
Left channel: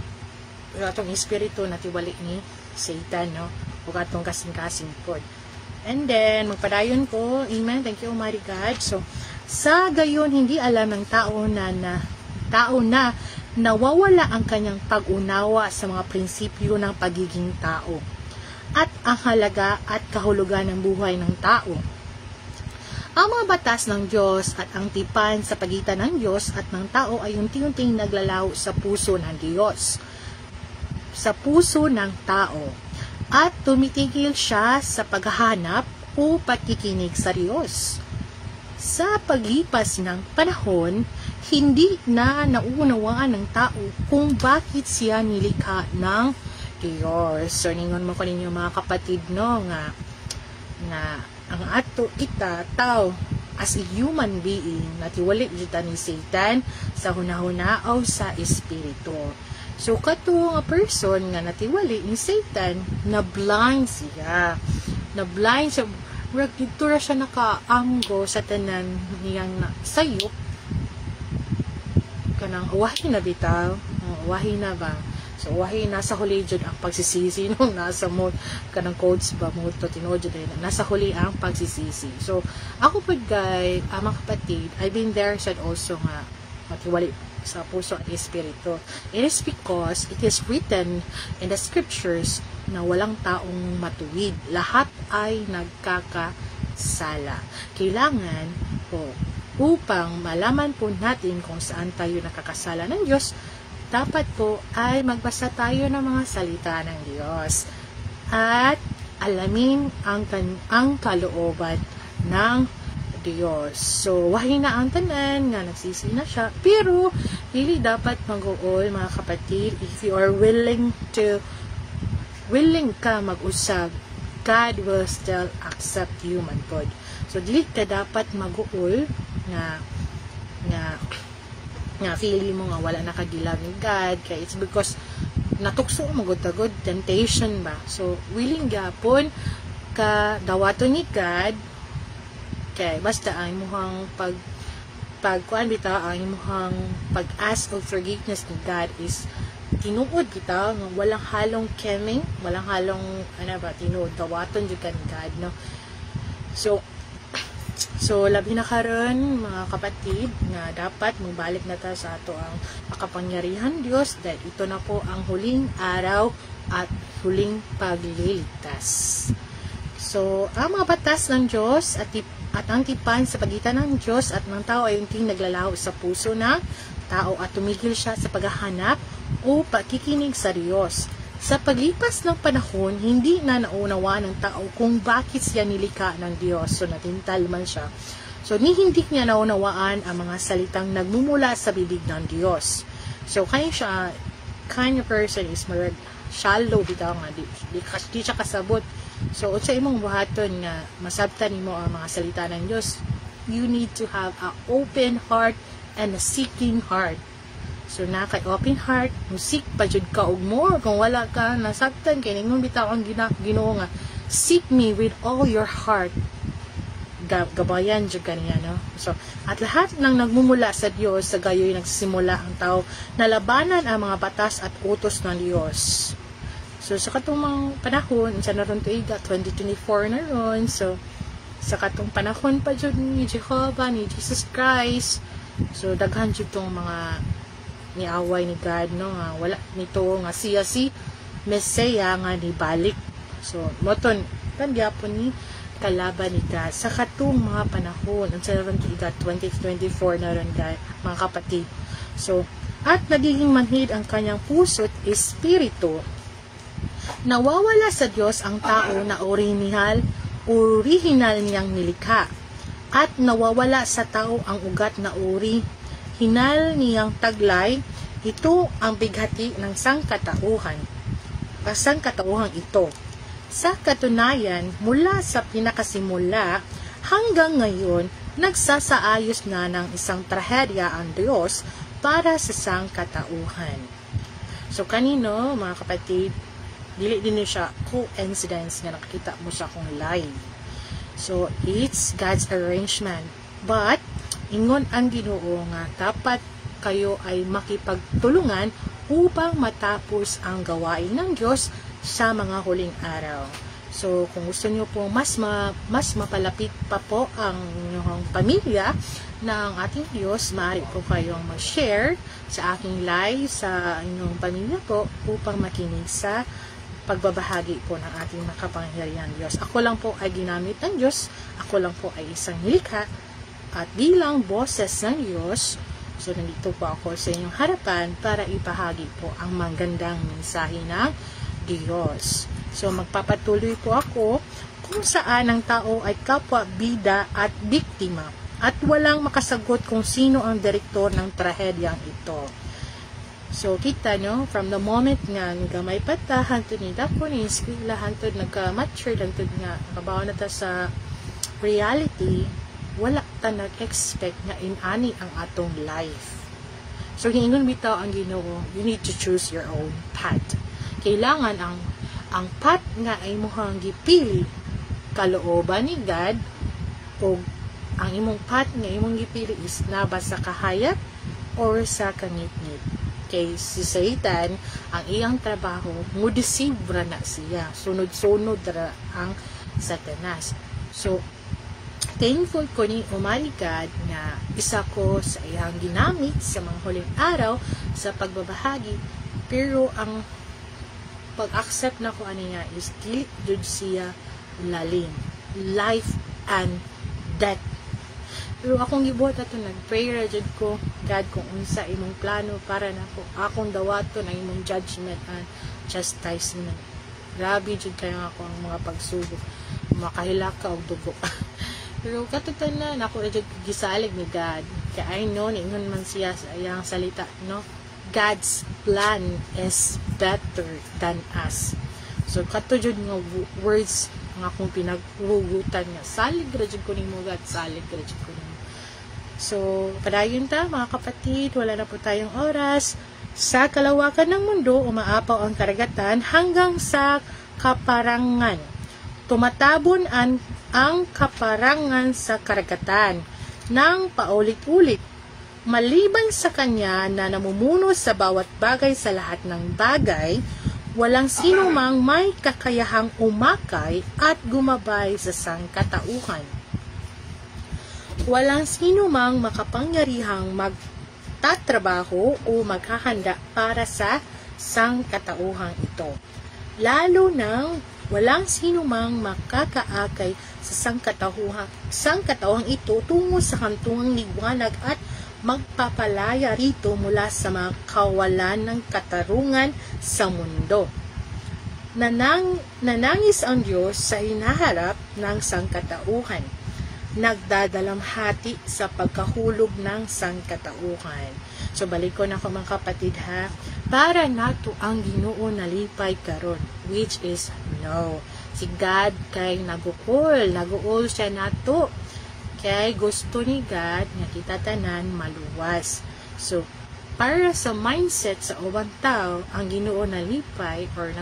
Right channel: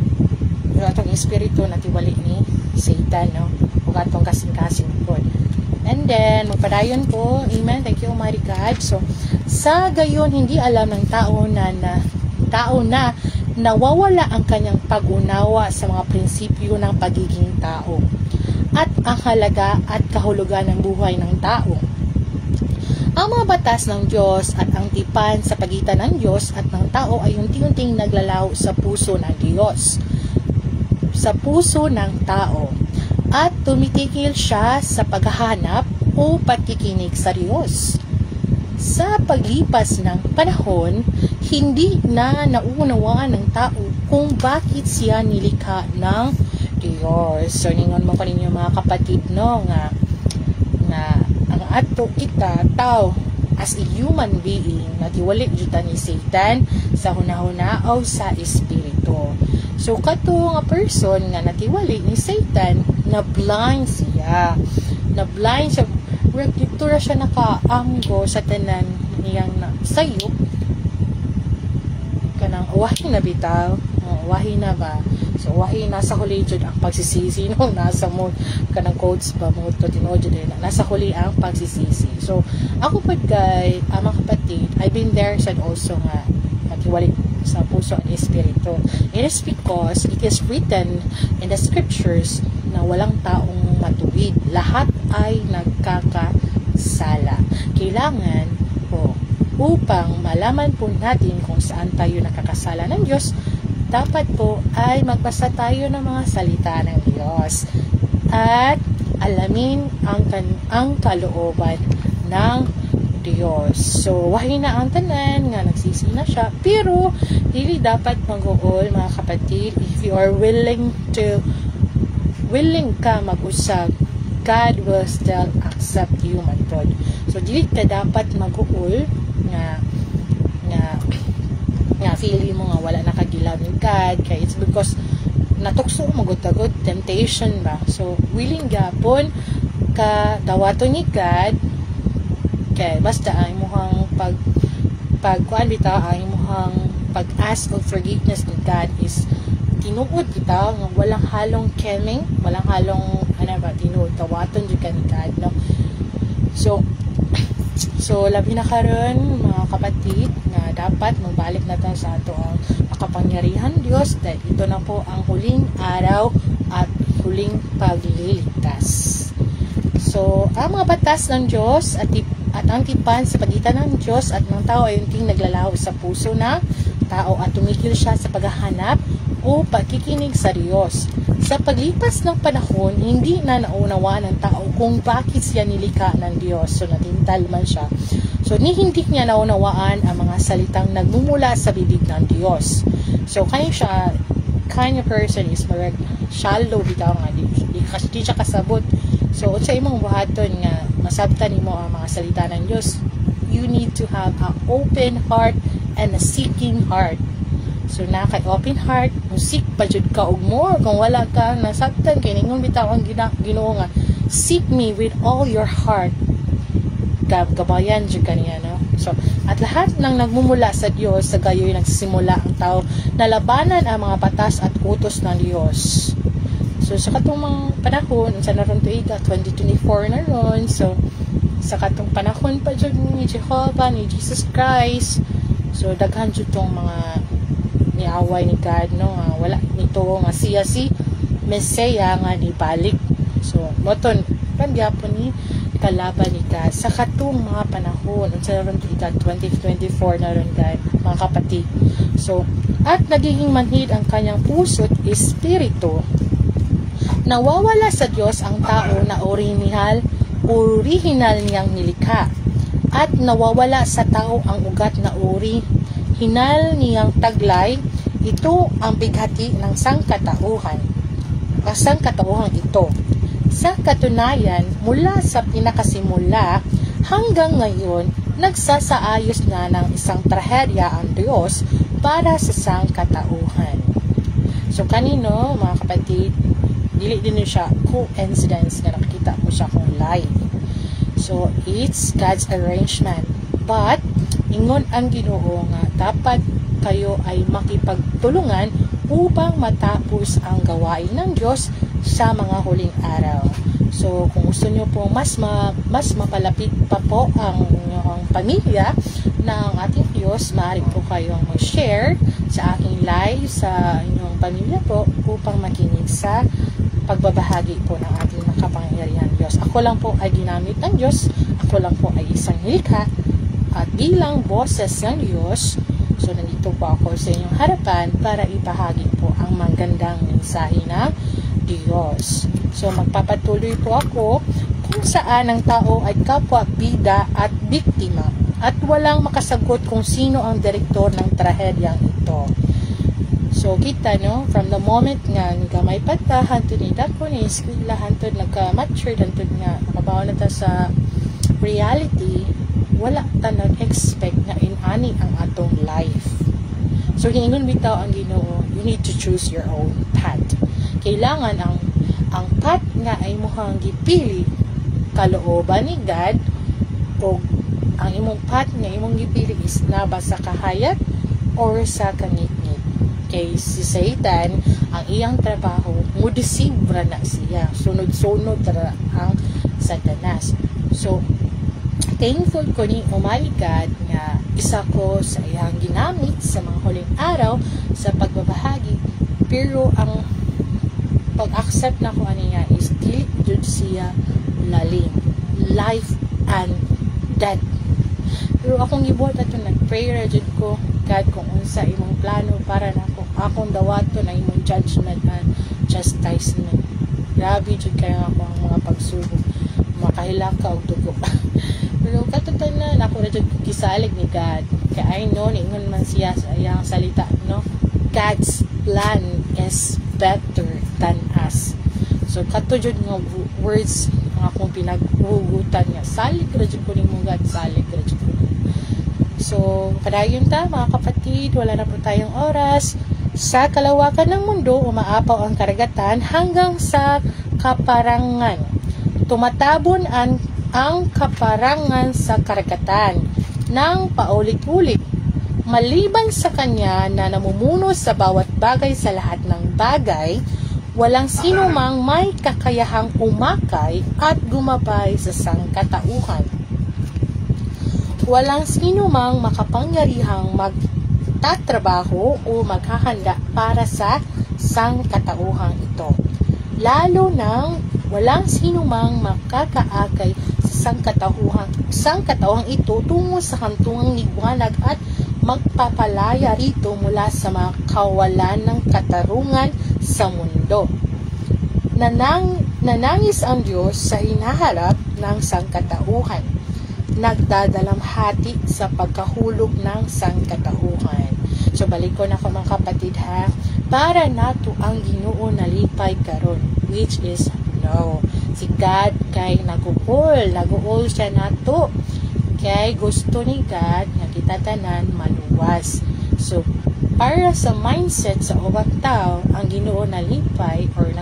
yung atong espiritu natiwali ni Satan, no, ug atong kasing-kasing po. And then magpadayon ko, amen, thank you Almighty God. So sa gayon hindi alam ng tao na nawawala ang kanyang pag-unawa sa mga prinsipyo ng pagiging tao at ang halaga at kahulugan ng buhay ng tao. Ang mga batas ng Diyos at ang tipan sa pagitan ng Diyos at ng tao ay unti-unting naglalaho sa puso ng Diyos, sa puso ng tao, at tumitigil siya sa paghahanap o pagkikinig sa Diyos. Sa paglipas ng panahon, hindi na nauunawaan ng tao kung bakit siya nilikha ng Diyos. So ningon mo kaninyo mga kapatid, no, nga ang ato kita tao as a human being natiwali jud ni Satan sa hunahuna o sa espiritu. So kato nga person nga natiwali ni Satan, na blind siya, sa dito ra siya nakaamgo sa tanan niyang sayop kanang wahi na bitaw, wahi na ba. So wahi nasa huli jud ang pagsisisi nung nasa mo kanang quotes ba mo to tinuod jud na nasa huli ang pagsisisi. So ako pud guys, mga kapatid, I've been there sad also nga matiwali sa puso at espiritu. It is because it is written in the scriptures na walang taong matuwid, lahat ay nagkakasala. Kailangan po upang malaman po natin kung saan tayo nakakasala ng Diyos, dapat po ay magbasa tayo ng mga salita ng Diyos at alamin ang kalooban ng Diyos. So, wahi na ang tanan nga nagsisi na siya, pero hindi dapat mag-uol mga kapatid. If you are willing ka mag-usab, God will still accept you, man God. So, dili ka dapat mag-uol nga feeling mo nga wala nakagilaw ni God, kaya it's because natukso magutagod temptation ba. So willing gapon ka dawaton ni God, kay basta ang imong pagkuan bitaw, ang imong pag-ask of forgiveness ni God is tinuod kita nga walang halong keming, walang halong tinuod dawaton jud ka ni God, no. So So, labi na karon mga kapatid, na dapat mabalik na ta sa ato ang makapangyarihan Dios dahil ito na po ang huling araw at huling pagliligtas. So, ang mga batas ng Diyos at ang tipan sa pagitan ng Diyos at ng tao ay yung naglalaho sa puso ng tao at tumigil siya sa paghahanap o pakikinig sa Diyos. Sa paglipas ng panahon, hindi na naunawa ng tao kung bakit siya nilikha ng Diyos. So, natintal man siya. So, hindi niya naunawaan ang mga salitang nagmumula sa bibig ng Diyos. So, kaya siya, kind of person is marag shallow bitaw nga, di siya kasabot. So, sa imong buhaton nga, masabtan nimo ang mga salita ng Diyos, you need to have an open heart and a seeking heart. So, na kay open heart, musik pa jud ka og more. Kung wala ka nasabtan, kay ningon bitaw ang Ginoo nga, seek me with all your heart. Gabayan jud kaniya, no? So, at lahat ng nagmumula sa Diyos, sa gayoy nagsisimula ang tao na labanan ang mga batas at utos ng Diyos. So, sa katong panahon, sa naroon tuiga, 2024 na ron. So, sa katong panahon pa jud ni Jehovah, ni Jesus Christ. So, daghan jud tong mga niaway ni God, no? Wala nito nga siya si Mesaya nga ni balik. So, moton, kangyapon ni kalaban ni God sa katong mga panahon. Sa naroon tuiga, 2024 na ron, guys, mga kapatid. So, at nagiging manhid ang kanyang puso't espiritu. Nawawala sa Diyos ang tao na orihinal niyang nilikha at nawawala sa tao ang ugat na orihinal niyang taglay. Ito ang bighati ng sangkatauhan. Ang sangkatauhan ito. Sa katunayan, mula sa pinakasimula hanggang ngayon, nagsasaayos na ng isang trahedya ang Diyos para sa sangkatauhan. So kanino, mga kapatid, dili din siya coincidence na nakita mo siya kung live. So, it's God's arrangement. But, ingon ang Ginoo nga dapat kayo ay makipagtulungan upang matapos ang gawain ng Diyos sa mga huling araw. So, kung gusto nyo po mas mapalapit pa po ang inyong pamilya ng ating Diyos, maaari po kayong mag-share sa aking live sa inyong pamilya po upang makinig sa pagbabahagi po ng ating makapangyarihan Diyos. Ako lang po ay ginamit ng Diyos. Ako lang po ay isang nilikha. At bilang boses ng Diyos, so nandito po ako sa inyong harapan para ibahagi po ang magandang mensahe ng Diyos. So magpapatuloy po ako kung saan ang tao ay kapwa bida at biktima at walang makasagot kung sino ang direktor ng trahedyang ito. So, kita, no? From the moment nga may pata, hantod ni dako ni eskwela, hantod nagka-mature, hantod nga nakabawa na ta sa reality, wala ta nag-expect nga inani ang atong life. So, hiningon bitaw ang Ginoo, you need to choose your own path. Kailangan ang path nga ay muhang gipili kalooban ni God o ang imong path nga imong gipili is naba sa kahayat or sa kangit-ngit. Kay si Satan, ang iyang trabaho, mudisibra na siya. Sunod-sunod na ang Satanas. So, thankful ko ni Almighty God na isa ko sa iyang ginamit sa mga huling araw sa pagbabahagi. Pero ang pag-accept na ko niya is dili jud siya lalim. Life and death. Pero akong gibuhat ato nag-prayer jud ko, God, kung unsa imong plano para na akong dawato na imong judgment and chastisement. Grabe jud kayo ako ang mga pagsubok. Makahilaka og dugo. Pero katutunan ako ra jud gisalig ni God. Kaya I know ningon man siya sa iyang salita, no? God's plan is better than us. So kato jud nga words nga akong pinaghugutan nga. Salig ra jud ko nimo, God, salig ra jud ko. So, padayon ta mga kapatid, wala na po tayong oras. Sa kalawakan ng mundo, umaapaw ang karagatan hanggang sa kaparangan. Tumatabon ang kaparangan sa karagatan ng paulit-ulit. Maliban sa kanya na namumuno sa bawat bagay sa lahat ng bagay, walang sino mang may kakayahang umakay at gumabay sa sangkatauhan. walang sino mang makapangyarihang magtatrabaho o maghahanda para sa sangkatauhan ito. Lalo nang walang sino mang makakaakay sa sangkatauhan ito tungo sa kantungang liwanag at magpapalaya rito mula sa mga kawalan ng katarungan sa mundo. Nanangis ang Diyos sa hinaharap ng sangkatauhan. Nagdadalamhati sa pagkahulog ng sangkatauhan. So balik ko na ko mga kapatid ha, para nato ang Ginoo nalipay karon, which is no. Si God kay naguol siya nato. Kay gusto ni God nga kita tanan maluwas. So para sa mindset sa ubang tao, ang Ginoo nalipay or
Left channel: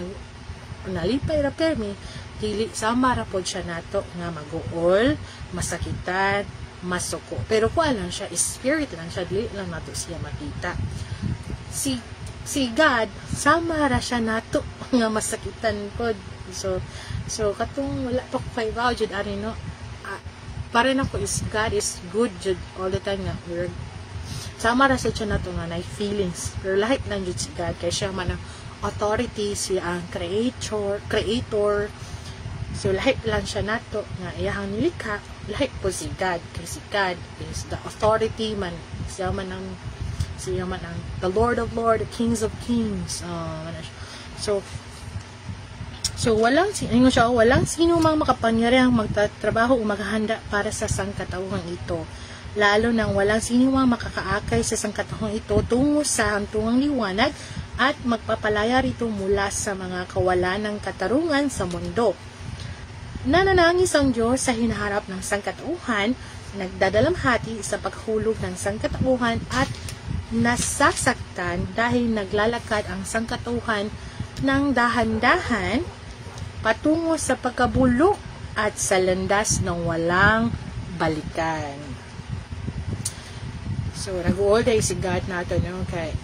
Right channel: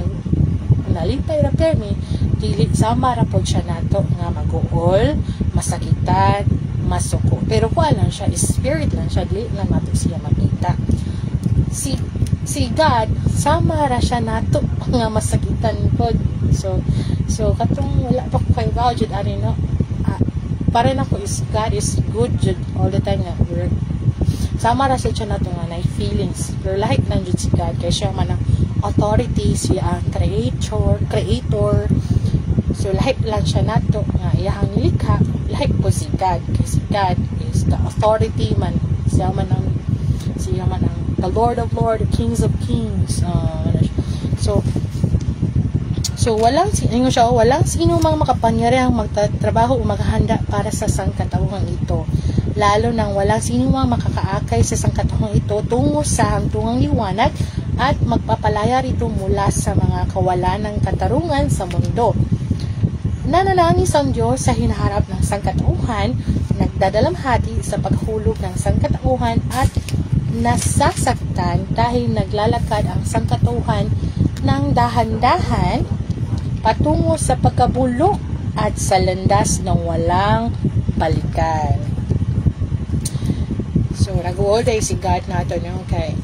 nalipay ra permi dili sama ra pod siya nato nga maguol, masakitan, masuko. Pero kuan lang siya, spirit lang siya, dili lang nato siya makita. Si God sama ra siya nato nga masakitan pod. So katong wala pa ko kay jud ani no. Para na ko is God is good jud all the time nga work. Sama ra siya nato nga na feelings. Pero lahi lang jud si God kay siya man ang authority, siya ang creator. So lahi lang siya nato nga iyang nilikha, lahi po si God. Kay si God is the authority man. Siya man ang the Lord of Lords, the Kings of Kings. So walang sino mang makapangyarihang magtatrabaho o maghahanda para sa sangkatauhan ito. Lalo nang walang sino mang makakaakay sa sangkatauhan ito tungo sa hantungang liwanag at magpapalaya rito mula sa mga kawalan ng katarungan sa mundo. Nananangis ang Diyos sa hinaharap ng sangkatauhan, nagdadalamhati sa paghulog ng sangkatauhan at nasasaktan dahil naglalakad ang sangkatauhan ng dahan-dahan patungo sa pagkabulok at sa landas ng walang balikan. So, nag-uol day si God nato nyo kay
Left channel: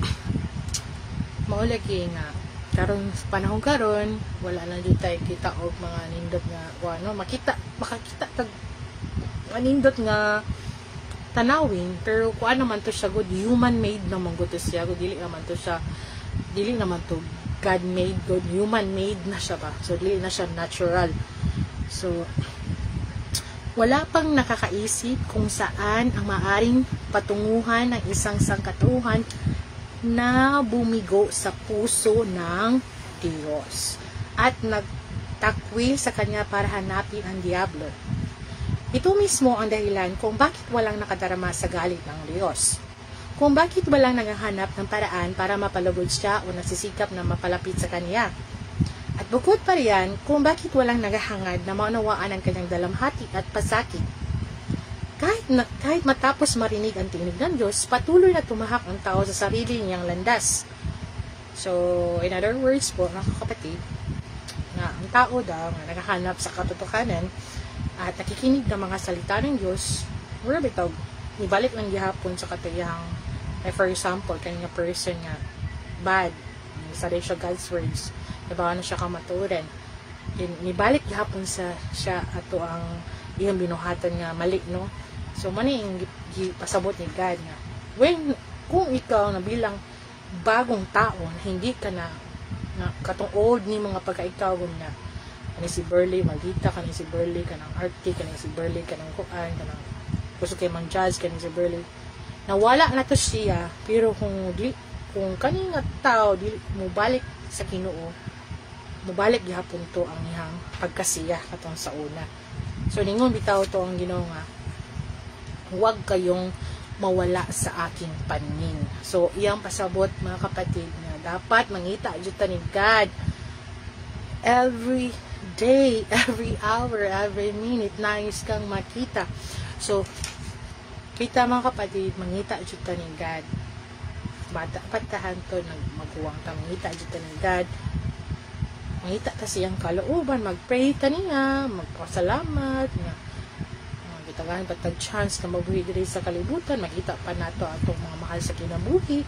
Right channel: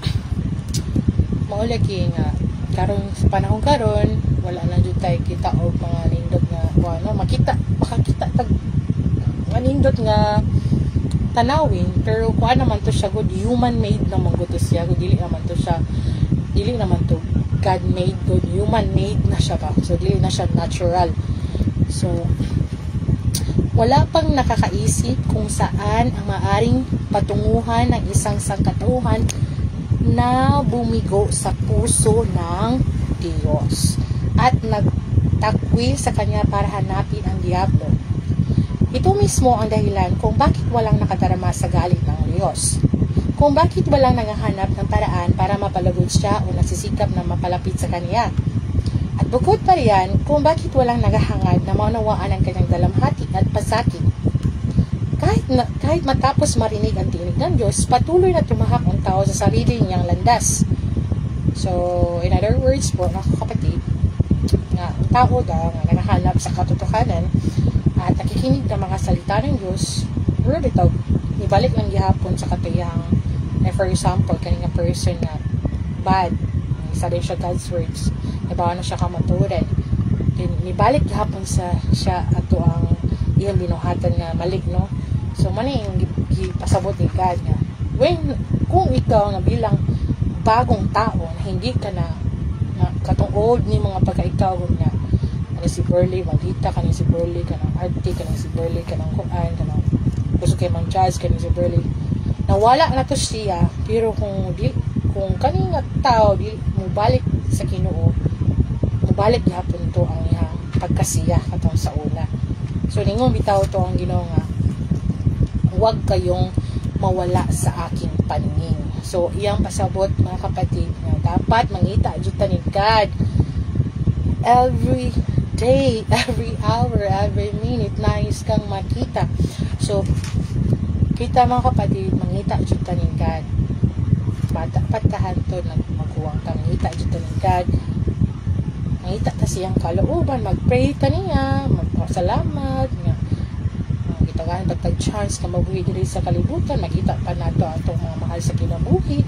maulagi nga karong panahon karon wala na jud tay kita og mga nindot nga makita tag manindot nga tanawin, pero kuan naman to siya good human made naman gud siya, dili naman to God made, good human made na siya pa, so dili na siya natural. So wala pang nakakaisip kung saan ang maaring patunguhan ng isang sangkatauhan na bumigo sa puso ng Diyos at nagtakwil sa kanya para hanapin ang Diablo. Ito mismo ang dahilan kung bakit walang nakadarama sa galit ng Diyos. Kung bakit walang naghahanap ng paraan para mapalugod siya o nagsisikap na mapalapit sa kanya. At bukod pa riyan, kung bakit walang naghahangad na maunawaan ang kanyang dalamhati at pasakit. Kahit matapos marinig ang tinig ng Diyos, patuloy na tumahak ang tao sa sarili niyang landas. So, in other words po, mga kapatid, nga ang tao daw nga naghahanap sa katotohanan at nakikinig ng mga salita ng Diyos, bitaw, nibalik lang gihapon sa katuyang, for example, kanina person nga bad, isa din siya God's words, ibawa na siya kamaturan, nibalik gihapon sa siya ato ang iyang binuhatan nga maligno. So, mani yung pasabot ni God nga, kung ikaw na bilang bagong tao na hindi ka na katong old ni mga pagkaikaw nga, si Burley, magita ka si Burley, ka ng Arctic, ka si Burley, ka ng Kuan, ka ng gusto kayo mang jazz, ka si Burley. Nawala na to siya, pero kung kaning tao, mubalik sa Ginoo, mubalik gihapon to ang iyang pagkasiya katong sa una. So, ningon bitaw to ang Ginoo nga, huwag kayong mawala sa aking paningin. So, iyang pasabot mga kapatid nga dapat mangita jud ta ni God every day, every hour, every minute nais kang makita. So, kita mga kapatid, mangita jud ta ni God. Bata patahan to magkuwang ta mangita jud ta ni God. Mangita ta siyang kalooban, magpray ta niya, magpasalamat nga gitagaan patag chance na mabuhi diri sa kalibutan, makita pa nato atong mga mahal sa kinabuhi,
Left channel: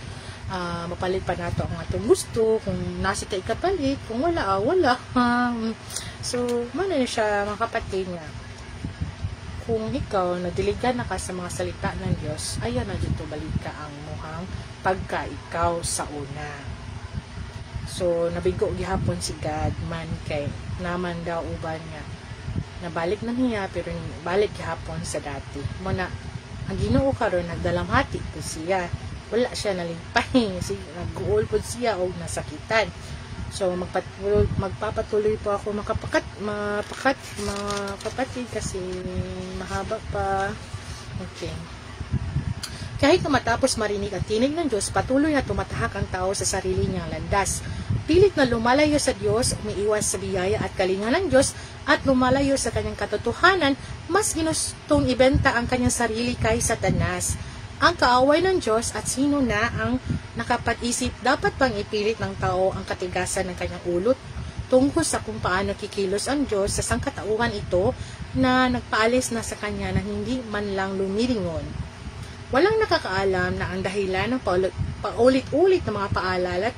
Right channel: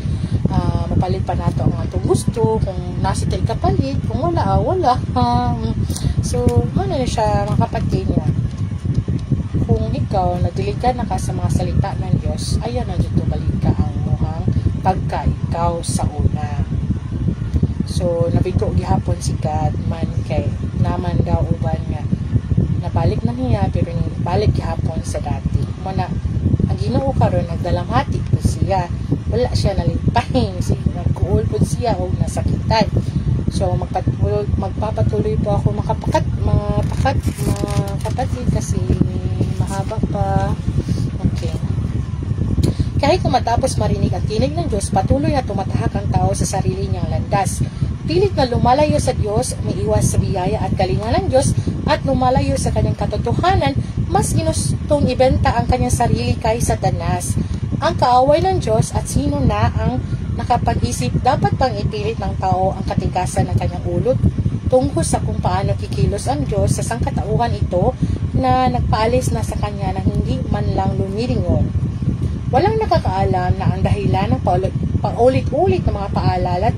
mapalit pa nato ang atong gusto, kung nasa tayo kapalit, kung wala. So, ano na siya mga kapatid niya, kung ikaw nadiligan na ka sa mga salita ng Diyos, ayan na dito balik ka ang muhang pagka ikaw sa una. So nabigo gihapon si God man kay naman daw uban nga nabalik na niya pero balik gihapon sa dati. Muna ang Ginoo karon nagdalamhati ko siya. Wala siya nalimpay, nagkuul po siya o nasakitan. So magpapatuloy po ako mapakat mga kapatid kasi mahaba pa. Okay. Kahit matapos marinig at tinig ng Diyos, patuloy na tumatahak ang tao sa sarili niyang landas. Pilit na lumalayo sa Diyos, umiiwas sa biyaya at kalinga ng Diyos, at lumalayo sa kanyang katotohanan, mas ginustong ibenta ang kanyang sarili kay Satanas. Ang kaaway ng Diyos at sino na ang nakapag-isip dapat bang ipilit ng tao ang katigasan ng kanyang ulot tungkol sa kung paano kikilos ang Diyos sa sangkatauhan ito na nagpaalis na sa kanya na hindi man lang lumiringon. Walang nakakaalam na ang dahilan ng paulit-ulit na mga paalala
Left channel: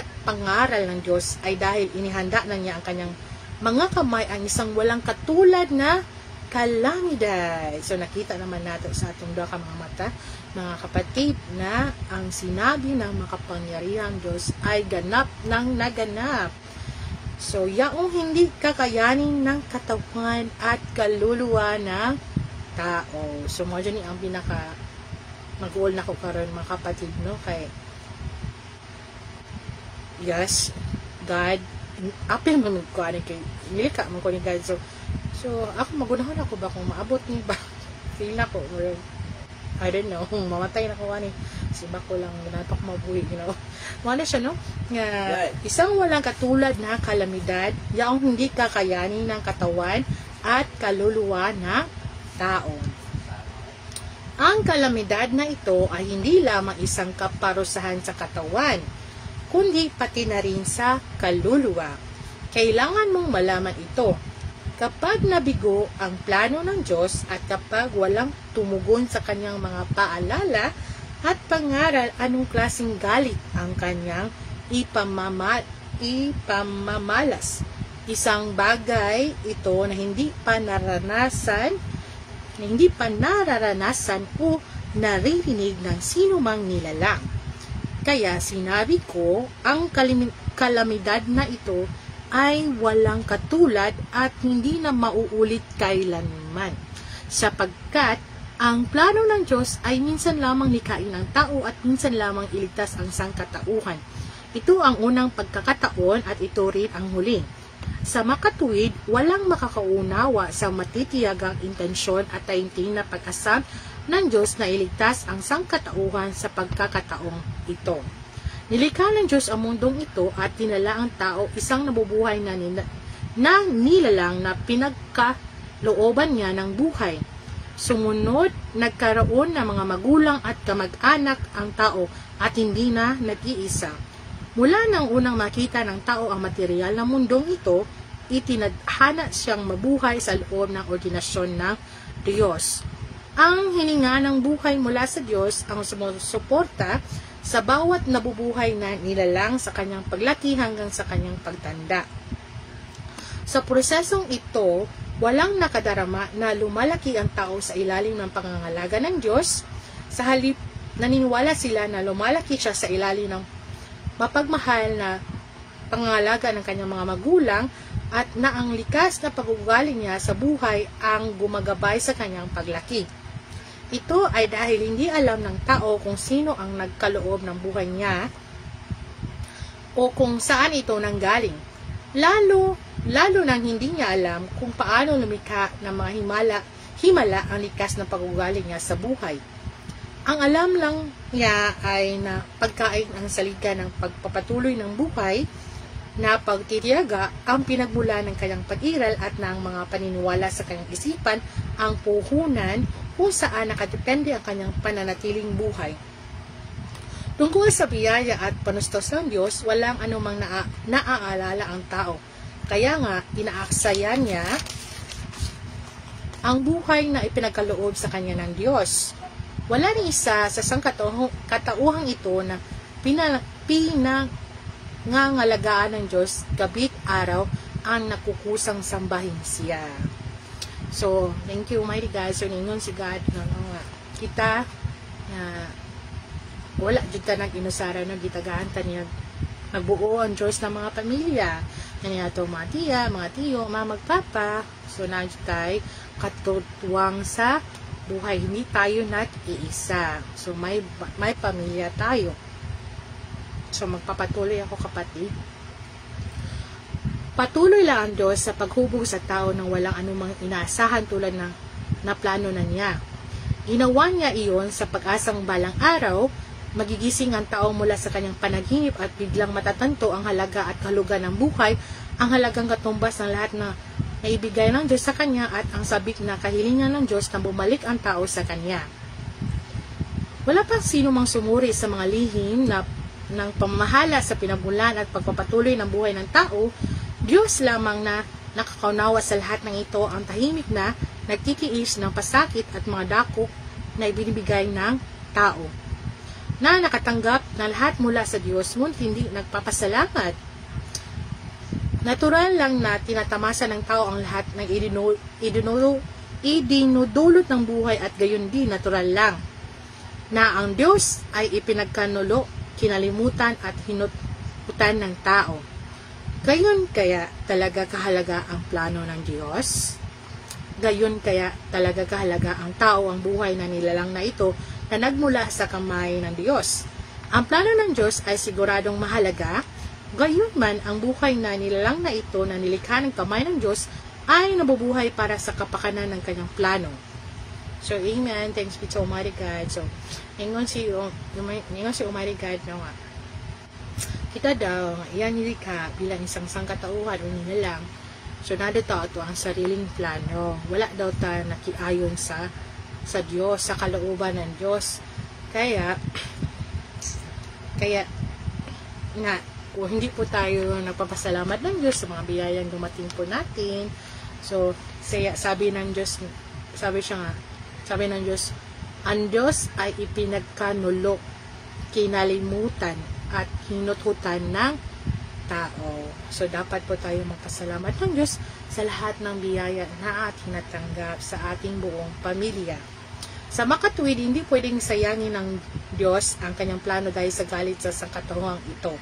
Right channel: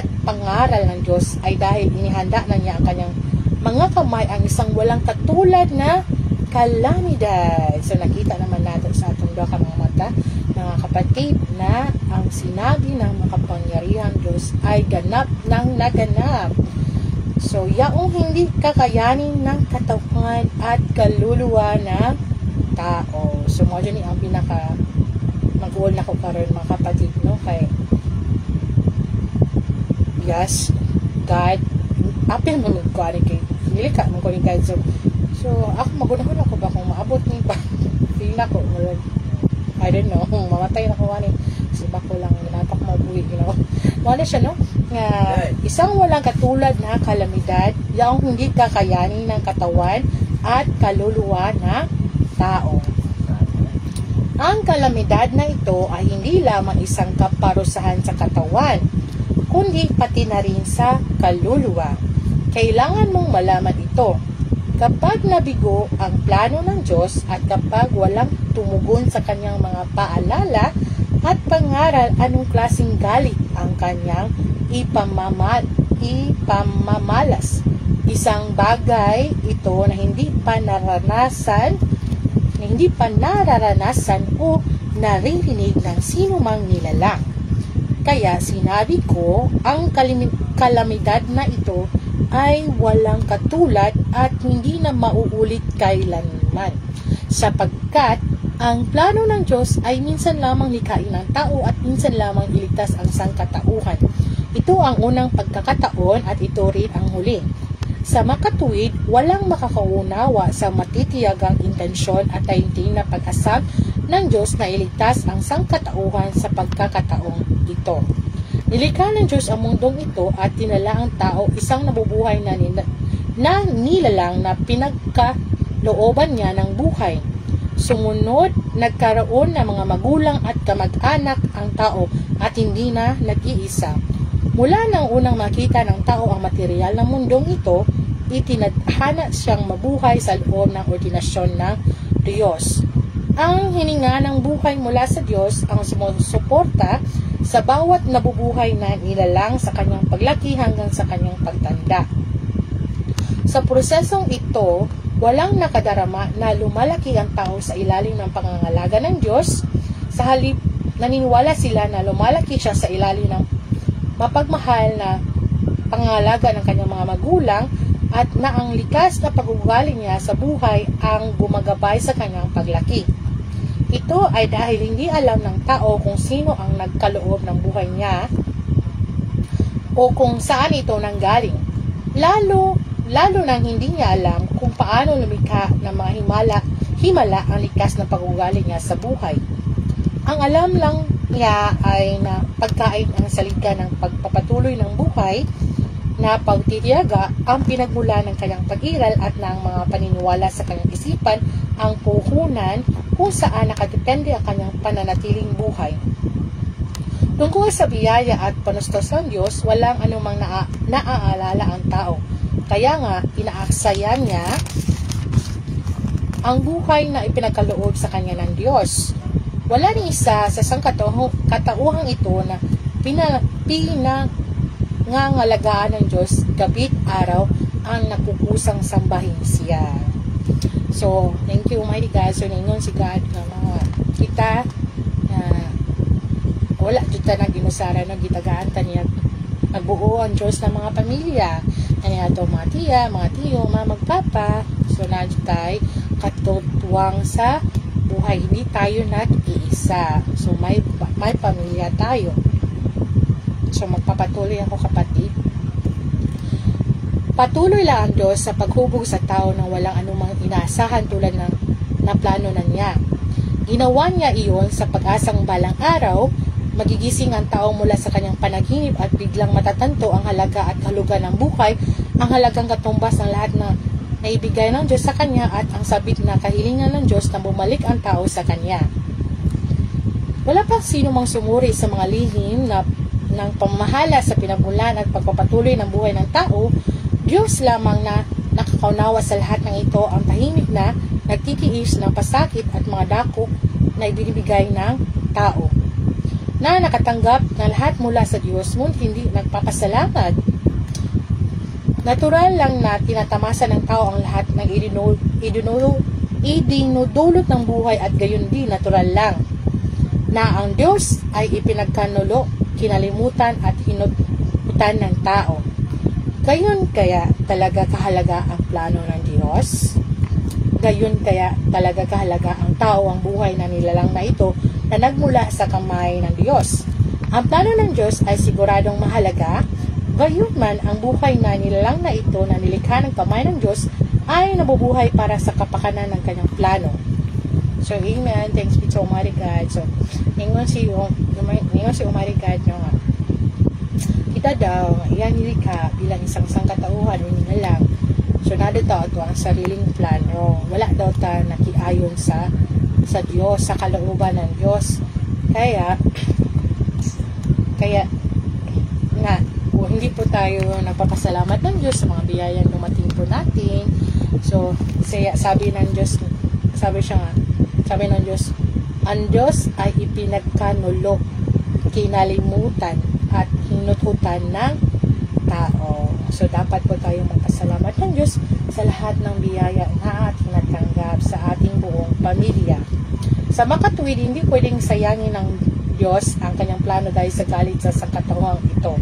at pangaral ng Diyos ay dahil inihanda na niya ang kanyang mga kamay ang isang walang katulad na kalamidad. So nakita naman natin sa atong mga mata, mga kapatid, na ang sinabi ng makapangyarihang Diyos ay ganap ng naganap. So yaong hindi kakayanin ng katawan at kaluluwa na tao. So mo ni ang pinaka mag-uol na ko karon mga kapatid, no, kay yes, God apil mo nagkuhan kay nilika mo ko ni God. So ako magunahon ako ba kung maabot ni ba feel na ko I don't know, mamatay na ko ani si bako lang ginapak mabuhi, you know. Wala siya, no, nga isang walang katulad na kalamidad yaong hindi kakayanin ng katawan at kaluluwa na tao. Ang kalamidad na ito ay hindi lamang isang kaparusahan sa katawan, kundi pati na rin sa kaluluwa. Kailangan mong malaman ito. Kapag nabigo ang plano ng Diyos at kapag walang tumugon sa kanyang mga paalala at pangaral, anong klaseng galit ang kanyang ipamamalas. Isang bagay ito na hindi pa nararanasan o naririnig ng sino mang nilalang. Kaya sinabi ko, ang kalamidad na ito ay walang katulad at hindi na mauulit kailanman. Sapagkat ang plano ng Diyos ay minsan lamang likhain ng tao at minsan lamang iligtas ang sangkatauhan. Ito ang unang pagkakataon at ito rin ang huling. Sa makatuwid, walang makakaunawa sa matitiyagang intensyon at taimtim na pag-asam ng Diyos na iligtas ang sangkatauhan sa pagkakataong ito. Nilikha ng Diyos ang mundong ito at dinala ang tao isang nabubuhay na nilalang na pinagkalooban niya ng buhay. Sumunod, nagkaroon ng mga magulang at kamag-anak ang tao at hindi na nag-iisa. Mula nang unang makita ng tao ang material ng mundong ito, itinadhana siyang mabuhay sa loob ng ordinasyon ng Diyos. Ang hininga ng buhay mula sa Diyos ang sumusuporta sa bawat nabubuhay na nilalang sa kanyang paglaki hanggang sa kanyang pagtanda. Sa prosesong ito, walang nakadarama na lumalaki ang tao sa ilalim ng pangangalaga ng Diyos. Sa halip, naniniwala sila na lumalaki siya sa ilalim ng mapagmahal na pangangalaga ng kanyang mga magulang at na ang likas na pag-uugali niya sa buhay ang gumagabay sa kanyang paglaki. Ito ay dahil hindi alam ng tao kung sino ang nagkaloob ng buhay niya o kung saan ito nanggaling. Lalo nang hindi niya alam kung paano lumikha ng mga himala ang likas na pag-uugali niya sa buhay. Ang alam lang niya ay na pagkain ang salita ng pagpapatuloy ng buhay na pagtitiyaga ang pinagmula ng kanyang pag-iral at ng mga paniniwala sa kanyang isipan ang puhunan kung saan nakadepende ang kanyang pananatiling buhay. Tungkol sa biyaya at panustos ng Diyos, walang anumang naaalala ang tao. Kaya nga, inaaksaya niya ang buhay na ipinagkaloob sa kanya ng Diyos. Wala rin isa sa sangkatauhang ito na pinangangalagaan ng Diyos gabi't araw ang nakukusang sambahin siya. So thank you Almighty God. So ningon si God nga mga kita wala jud ta nang ginusara no gitagaan ta niya nagbuo ang Diyos ng mga pamilya kaniya to mga tiya, mga tiyo, mga magpapa. So na jud tay katutuwang sa buhay, hindi tayo nag-iisa. So may pamilya tayo. So magpapatuloy ako kapatid. Patuloy lang ang Diyos sa paghubog sa tao nang walang anumang inaasahan tulad ng plano na niya. Ginawa niya iyon sa pag-asang balang araw magigising ang tao mula sa kanyang panaginip at biglang matatanto ang halaga at kahulugan ng buhay, ang halagang katumbas ng lahat na naibigay ng Diyos sa kanya at ang sabik na kahilingan ng Diyos na bumalik ang tao sa kanya. Wala pang sino mang sumuri sa mga lihim ng pamamahala sa pinagmulan at pagpapatuloy ng buhay ng tao. Diyos lamang na nakakaunawa sa lahat ng ito, ang tahimik na nagtitiis ng pasakit at mga dakok na ibinibigay ng tao, na nakatanggap na lahat mula sa Diyos ngunit hindi nagpapasalamat. Natural lang na tinatamasa ng tao ang lahat ng idinudulot ng buhay at gayon din natural lang na ang Diyos ay ipinagkanulo, kinalimutan at hinututan ng tao. Gayon kaya talaga kahalaga ang plano ng Diyos? Gayon kaya talaga kahalaga ang tao, ang buhay na nilalang na ito na nagmula sa kamay ng Diyos. Ang plano ng Diyos ay siguradong mahalaga, gayon man ang buhay na nilalang na ito na nilikha ng kamay ng Diyos ay nabubuhay para sa kapakanan ng kanyang plano. So, amen. Thanks be to Almighty God. So, ningon si Almighty God nga, kita daw, iyan nilikha bilang isang sangkatauhan o nilalang. So, nadito ito ang sariling plano. Wala daw ta nakiayon sa Diyos, sa kalooban ng Diyos. Kaya hindi po tayo nagpapasalamat ng Diyos sa mga biyayang dumating po natin. So, sabi ng Diyos, ang Diyos ay ipinagkanulo, kinalimutan, at hinututan ng tao. So, dapat po tayo magpasalamat ng Diyos sa lahat ng biyaya na ating natanggap sa ating buong pamilya. Sa makatuwid, hindi pwedeng sayangin ng Diyos ang kanyang plano dahil sa galit sa katawang ito.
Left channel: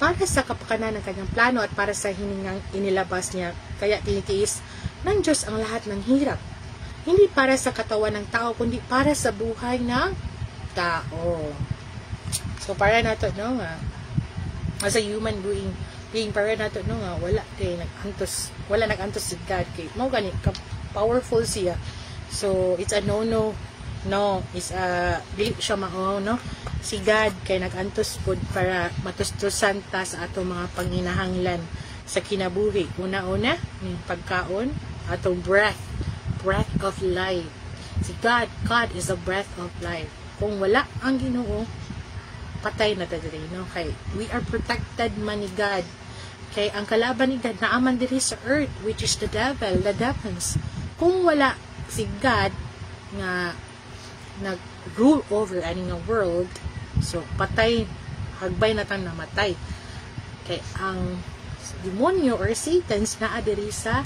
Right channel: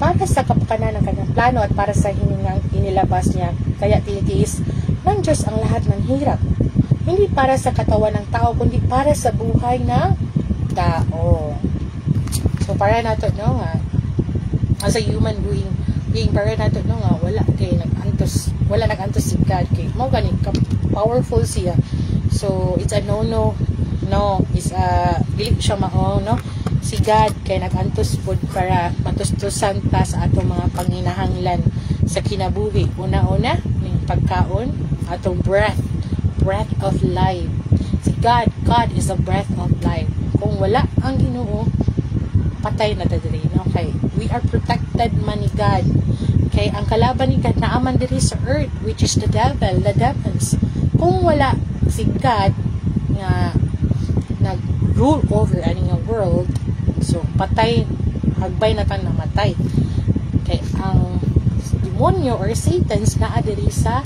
Para sa kapakanan ng kanyang plano at para sa hiningang inilabas niya, kaya tinitiis ng Diyos ang lahat ng hirap. Hindi para sa katawan ng tao, kundi para sa buhay ng tao. So, para nato, no nga, as a human being, para nato, no nga, wala nag-antos si God, kay mo ganit, powerful siya. So, it's a no, it's a, dili siya mao, no? Si God, kay nag-antos po para matustusan ta sa atong mga panginahanglan sa kinabuhi. Una-una, yung pagkaon, atong breath of life. Si God is the breath of life. Kung wala ang Ginoo, patay na dadiri, no? Kay we are protected man ni God. Kay ang kalaban ni God naaman diri sa earth, which is the devil, the demons. Kung wala si God nga nag-rule over any nga world, so patay, hagbay na tan namatay. Kay ang demonyo or Satans naa diri sa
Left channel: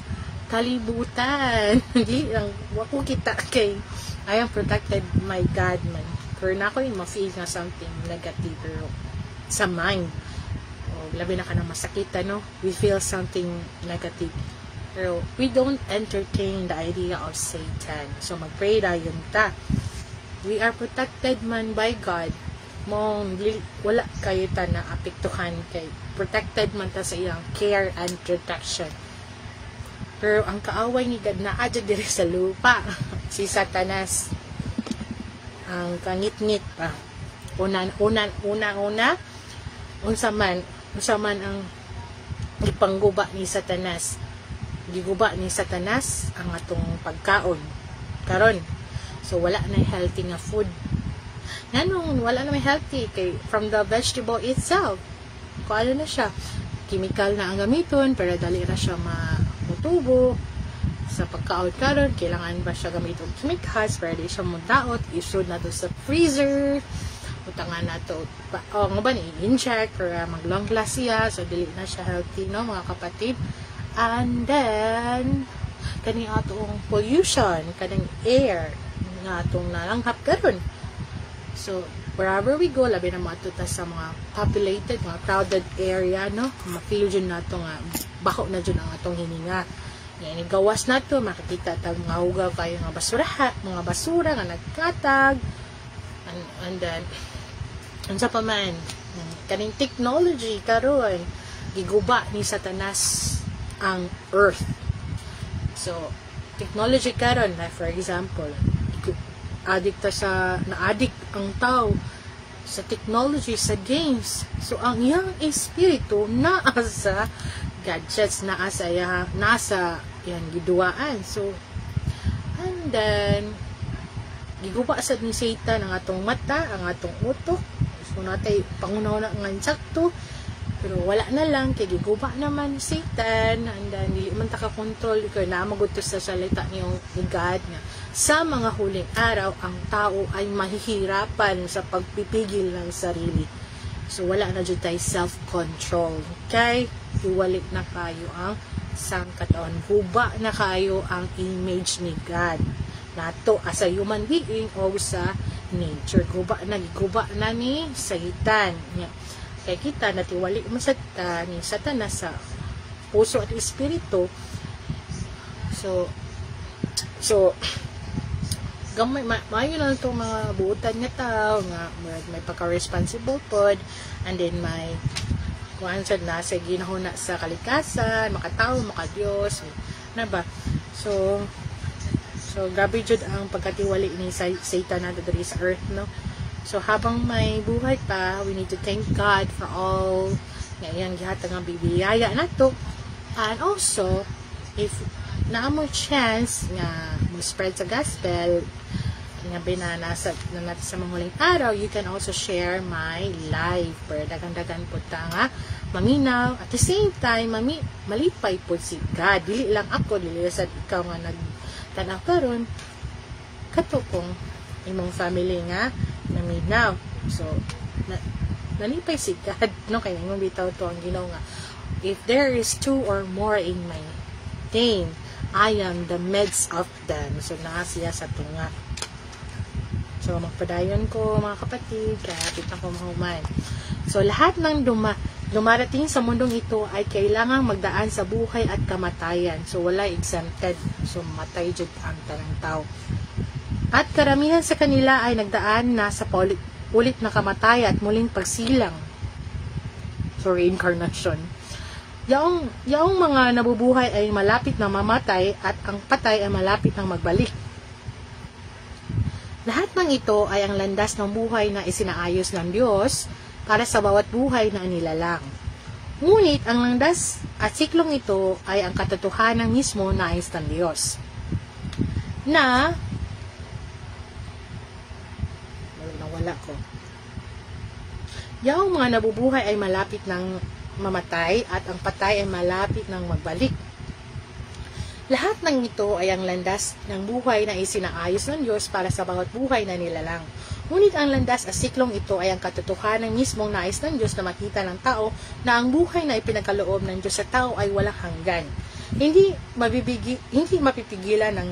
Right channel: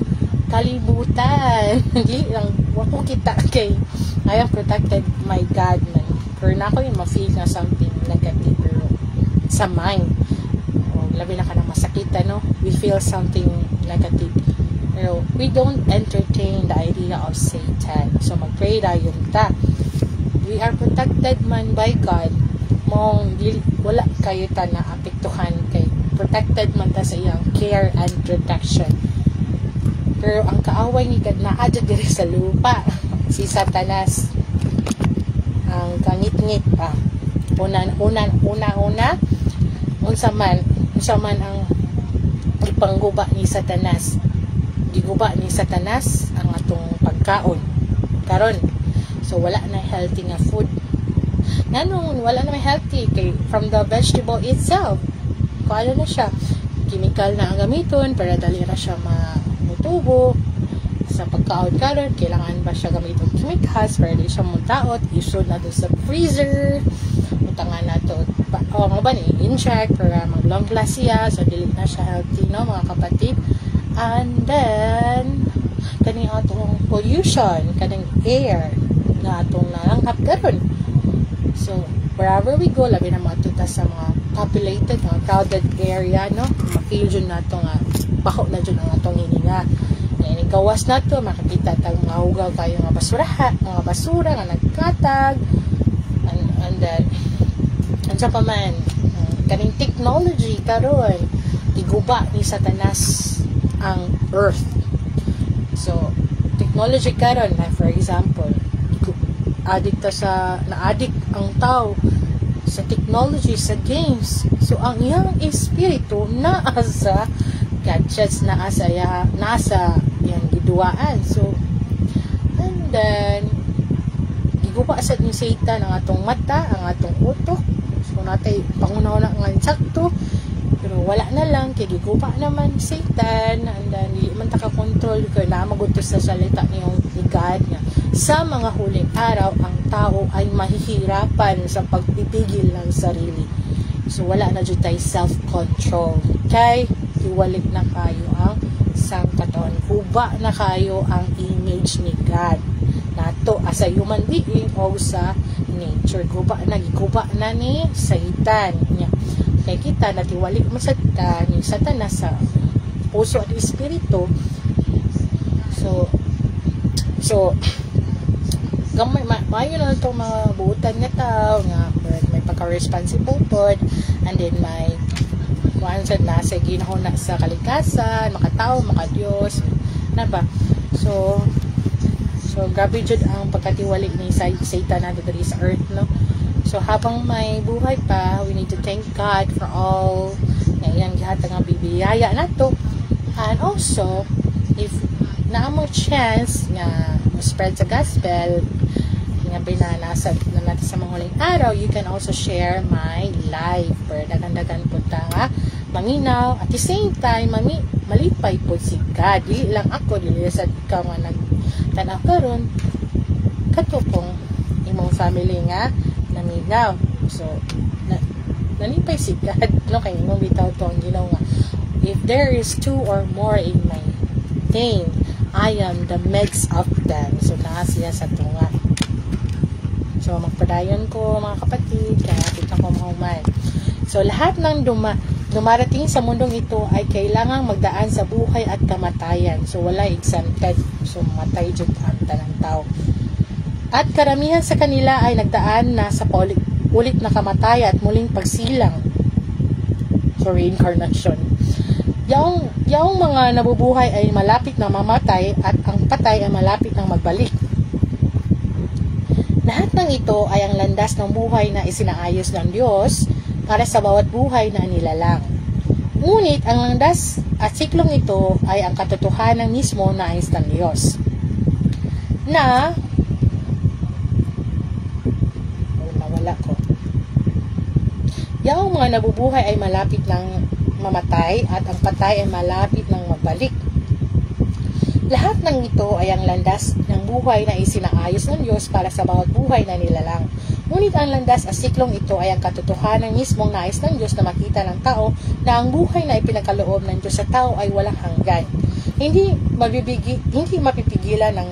kalibutan. Hindi lang wako kita kay I am protected my God man. Pero na ako yung ma-feel na something negative pero sa mind. O, labi na ka na masakita, no? We feel something negative. Pero we don't entertain the idea of Satan. So mag-pray tayo ta. We are protected man by God. Mong wala kayo ta na apektuhan kay protected man ta sa iyang care and protection. Pero ang kaaway ni God na adyo diri sa lupa, si Satanas ang kangit-ngit pa. Una unsa man ang ipangguba ni Satanas. Giguba ni Satanas ang atong pagkaon karon. So wala na healthy nga food. Nanong wala na may healthy kay from the vegetable itself. Kung ano na siya, chemical na ang gamiton para dali ra siya mamutubo. Sa pagkaon karon, kailangan ba siya gamiton chemicals para di siya mutaot, isod na to sa freezer. Utangan na to inject para mag long last siya, so dili na siya healthy, no mga kapatid. And then kaning atong pollution, kanang air nga atong nalanghap karon. So wherever we go, labi na matuta sa mga populated, mga crowded area, no, ma-feel dyan na ito nga baho na dyan ang atong hininga. Yan, gawas na ito, makakita tayong mga hugaw kayo mga basura nga nagkatag, and then ansa pa man kaning technology karon iguba ni Satanas ang earth. So technology karon, like for example, na-addict ang tao sa technology, sa games. So ang iyang espiritu naa sa gadgets, nasa yan giduaan. So and then giguba sa ni Satan ang atong mata, ang atong utok. So natay pangunaw na nga insakto, pero wala na lang kay giguba naman Satan, and then di man ta ka control kay na magutos sa salita niyong God nga sa mga huling araw ang tao ay mahihirapan sa pagpipigil ng sarili. So wala na jud tay self-control, kay iwalik na kayo ang sangkatawan, huba na kayo ang image ni God nato as a human being o sa nature. Guba na ni Satan niya. Kaya kita natiwalik mo sa ni Satanas sa puso at espiritu. So gamay maayo na itong mga buutan nga tao nga may pagka-responsible pod, and then may once na sa ginahon na sa kalikasan, makatao, makadiyos na ba. So grabe jud ang pagkatiwali ni Satan na dito sa earth, no. So habang may buhay pa, we need to thank God for all ngayon gihatag nga bibiyaya nato. And also if naamo chance nga mo spread sa gospel kinabi na nasa natin sa mga huling araw, you can also share my live para dagan-dagan po ta nga maminaw at the same time malipay po si God. Dili lang ako, dili sa ikaw nga nagtanaw karon kato pong imong family nga naminaw. So nalipay si God, no, kay imong bitaw to ang Ginoo nga if there is two or more in my name, I am the midst of them. So naa siya sa tunga. So magpadayon ko mga kapatid, kapit na ko mahuman. So lahat ng dumarating sa mundong ito ay kailangang magdaan sa buhay at kamatayan. So wala exempted. So matay jud ang tanang tao. At karamihan sa kanila ay nagdaan na sa ulit na kamatay at muling pagsilang. So reincarnation. Yaong mga nabubuhay ay malapit na mamatay at ang patay ay malapit nang magbalik. Lahat ng ito ay ang landas ng buhay na isinaayos ng Diyos para sa bawat buhay na nilalang. Ngunit ang landas at siklong ito ay ang katotohanan mismo na ayos ng Diyos. Nawala ko. Yaong mga nabubuhay ay malapit ng mamatay at ang patay ay malapit ng magbalik. Lahat ng ito ay ang landas ng buhay na isinaayos ng Diyos para sa bawat buhay na nilalang. Ngunit ang landas at siklong ito ay ang katotohanan mismong nais ng Diyos na makita ng tao na ang buhay na ipinagkaloob ng Diyos sa tao ay walang hanggan. Hindi mapipigilan ng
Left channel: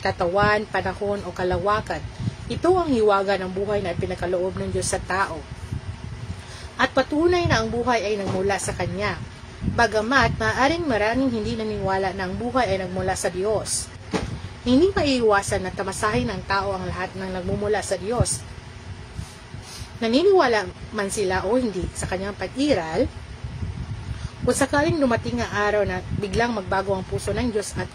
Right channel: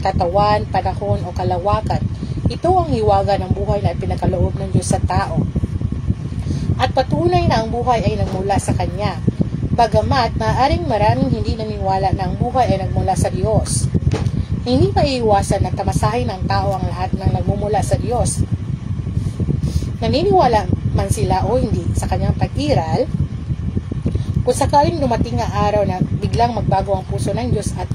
katawan, panahon o kalawakan. Ito ang hiwaga ng buhay na ipinagkaloob ng Diyos sa tao. At patunay na ang buhay ay nagmula sa Kanya. Bagamat maaaring maraming hindi naniniwala na ang buhay ay nagmula sa Diyos. Hindi maiiwasan na tamasahin ng tao ang lahat ng nagmumula sa Diyos. Naniniwala man sila o hindi sa kanyang pag-iral, kung sakaling dumating ang araw na biglang magbago ang puso ng Diyos at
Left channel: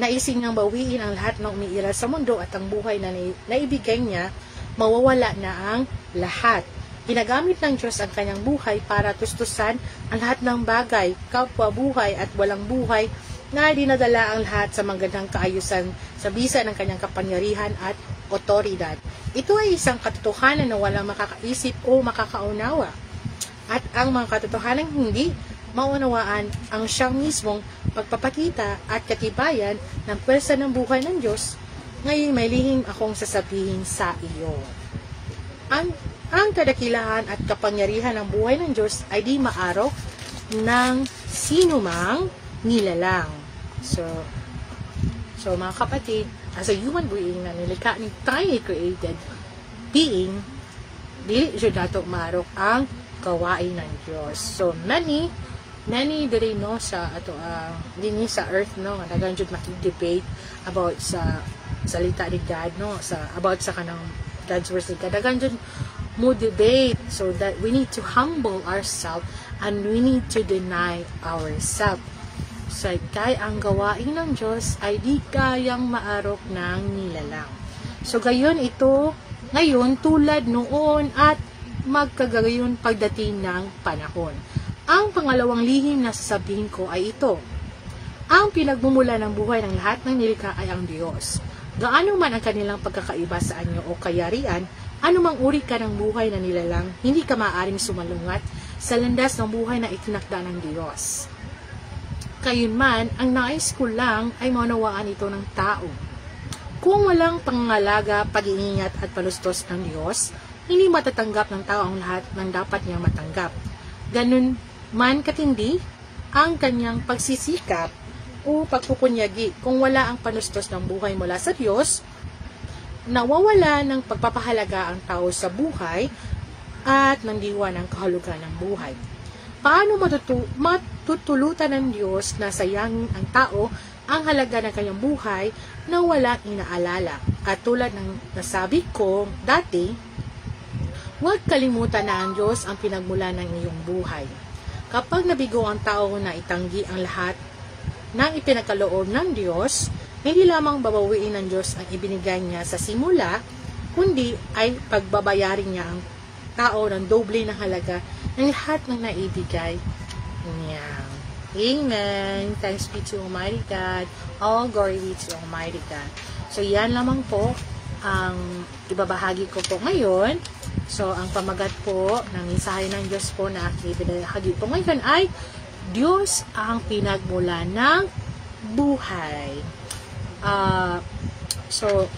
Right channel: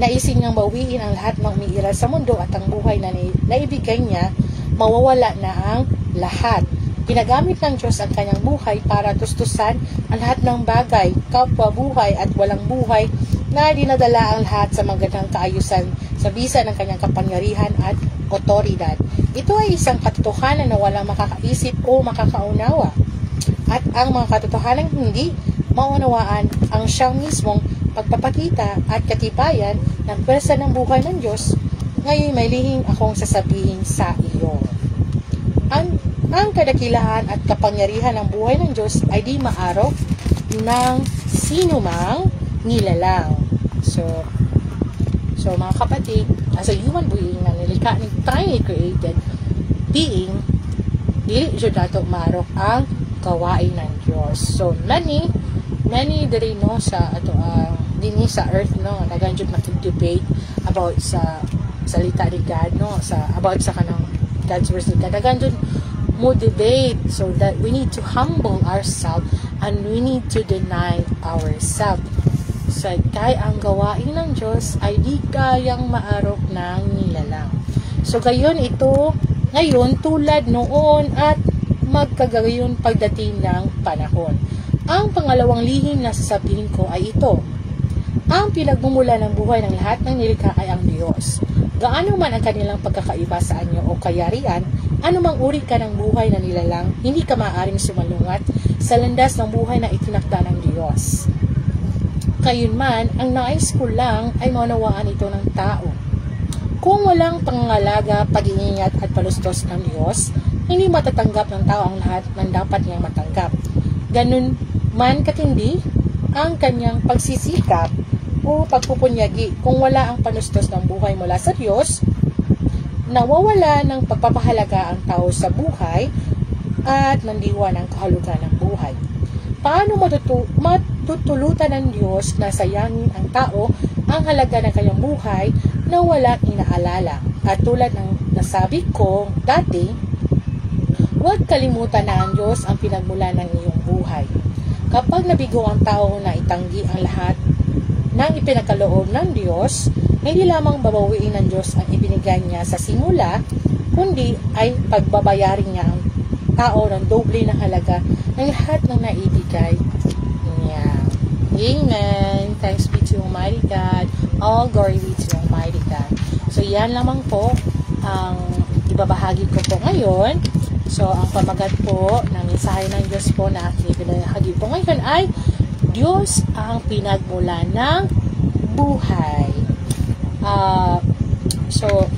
naisin niyang bawiin ang lahat ng umiiral sa mundo at ang buhay na naibigay niya, mawawala na ang lahat. Ginagamit ng Diyos ang kanyang buhay para tustusan ang lahat ng bagay, kapwa buhay at walang buhay na dinadala ang lahat sa magandang kaayusan sa bisa ng kanyang kapangyarihan at otoridad. Ito ay isang katotohanan na walang makakaisip o makakaunawa. At ang mga katotohanan hindi maunawaan ang siyang mismong pagpapakita at katibayan ng pwersa ng buhay ng Diyos. Ngayon may lihim akong sasabihin sa iyo. Ang kadakilaan at kapangyarihan ng buhay ng Diyos ay di maaraw ng sinumang nilalang. So, So mga kapatid, as a human being na nilikha ni tiny created being, dili siya dato marok ang gawain ng Dios. So many diri no sa ato dinhi sa earth no dagan jud makig-debate about sa salita ni God no about sa kanang God's words ni God. Dagan jud mo debate, so that we need to humble ourselves and we need to deny ourselves. So kay ang gawain ng Diyos ay di kayang maarok ng nilalang. So gayon ito ngayon tulad noon at magkagayon pagdating ng panahon. Ang pangalawang lihim na sasabihin ko ay ito: ang pinagmumula ng buhay ng lahat ng nilikha ay ang Diyos. Gaano man ang kanilang pagkakaiba sa anyo o kayarian, anumang uri ka ng buhay na nilalang, hindi ka maaaring sumalungat sa landas ng buhay na itinakda ng Diyos. Kayunman, ang nais ko lang ay maunawaan ito ng tao. Kung walang pangangalaga, pag-iingat at palustos ng Diyos, hindi matatanggap ng tao ang lahat ng dapat niyang matanggap. Ganun man katindi ang kanyang pagsisikap o pagpupunyagi kung wala ang panustos ng buhay mula sa Diyos, nawawala ng pagpapahalaga ang tao sa buhay at nandiwa ng kahulugan ng buhay. Paano matutulutan ng Diyos na sayangin ang tao ang halaga ng kanyang buhay na walang inaalala? At tulad ng nasabi ko dati, huwag kalimutan na ang Diyos ang pinagmula ng iyong buhay. Kapag nabigo ang tao na itanggi ang lahat ng ipinagkaloob ng Diyos, hindi lamang babawiin ng Diyos ang ibinigay niya sa simula, kundi ay pagbabayarin niya ang tao ng doble ng halaga ng lahat ng naibigay niya. Amen. Thanks be to Almighty God. All glory be to Almighty God. So yan lamang po ang ibabahagi ko po ngayon. So ang pamagat po ng mensahe ng Diyos po na aking ibinahagi po ngayon ay Diyos ang pinagmula ng buhay. So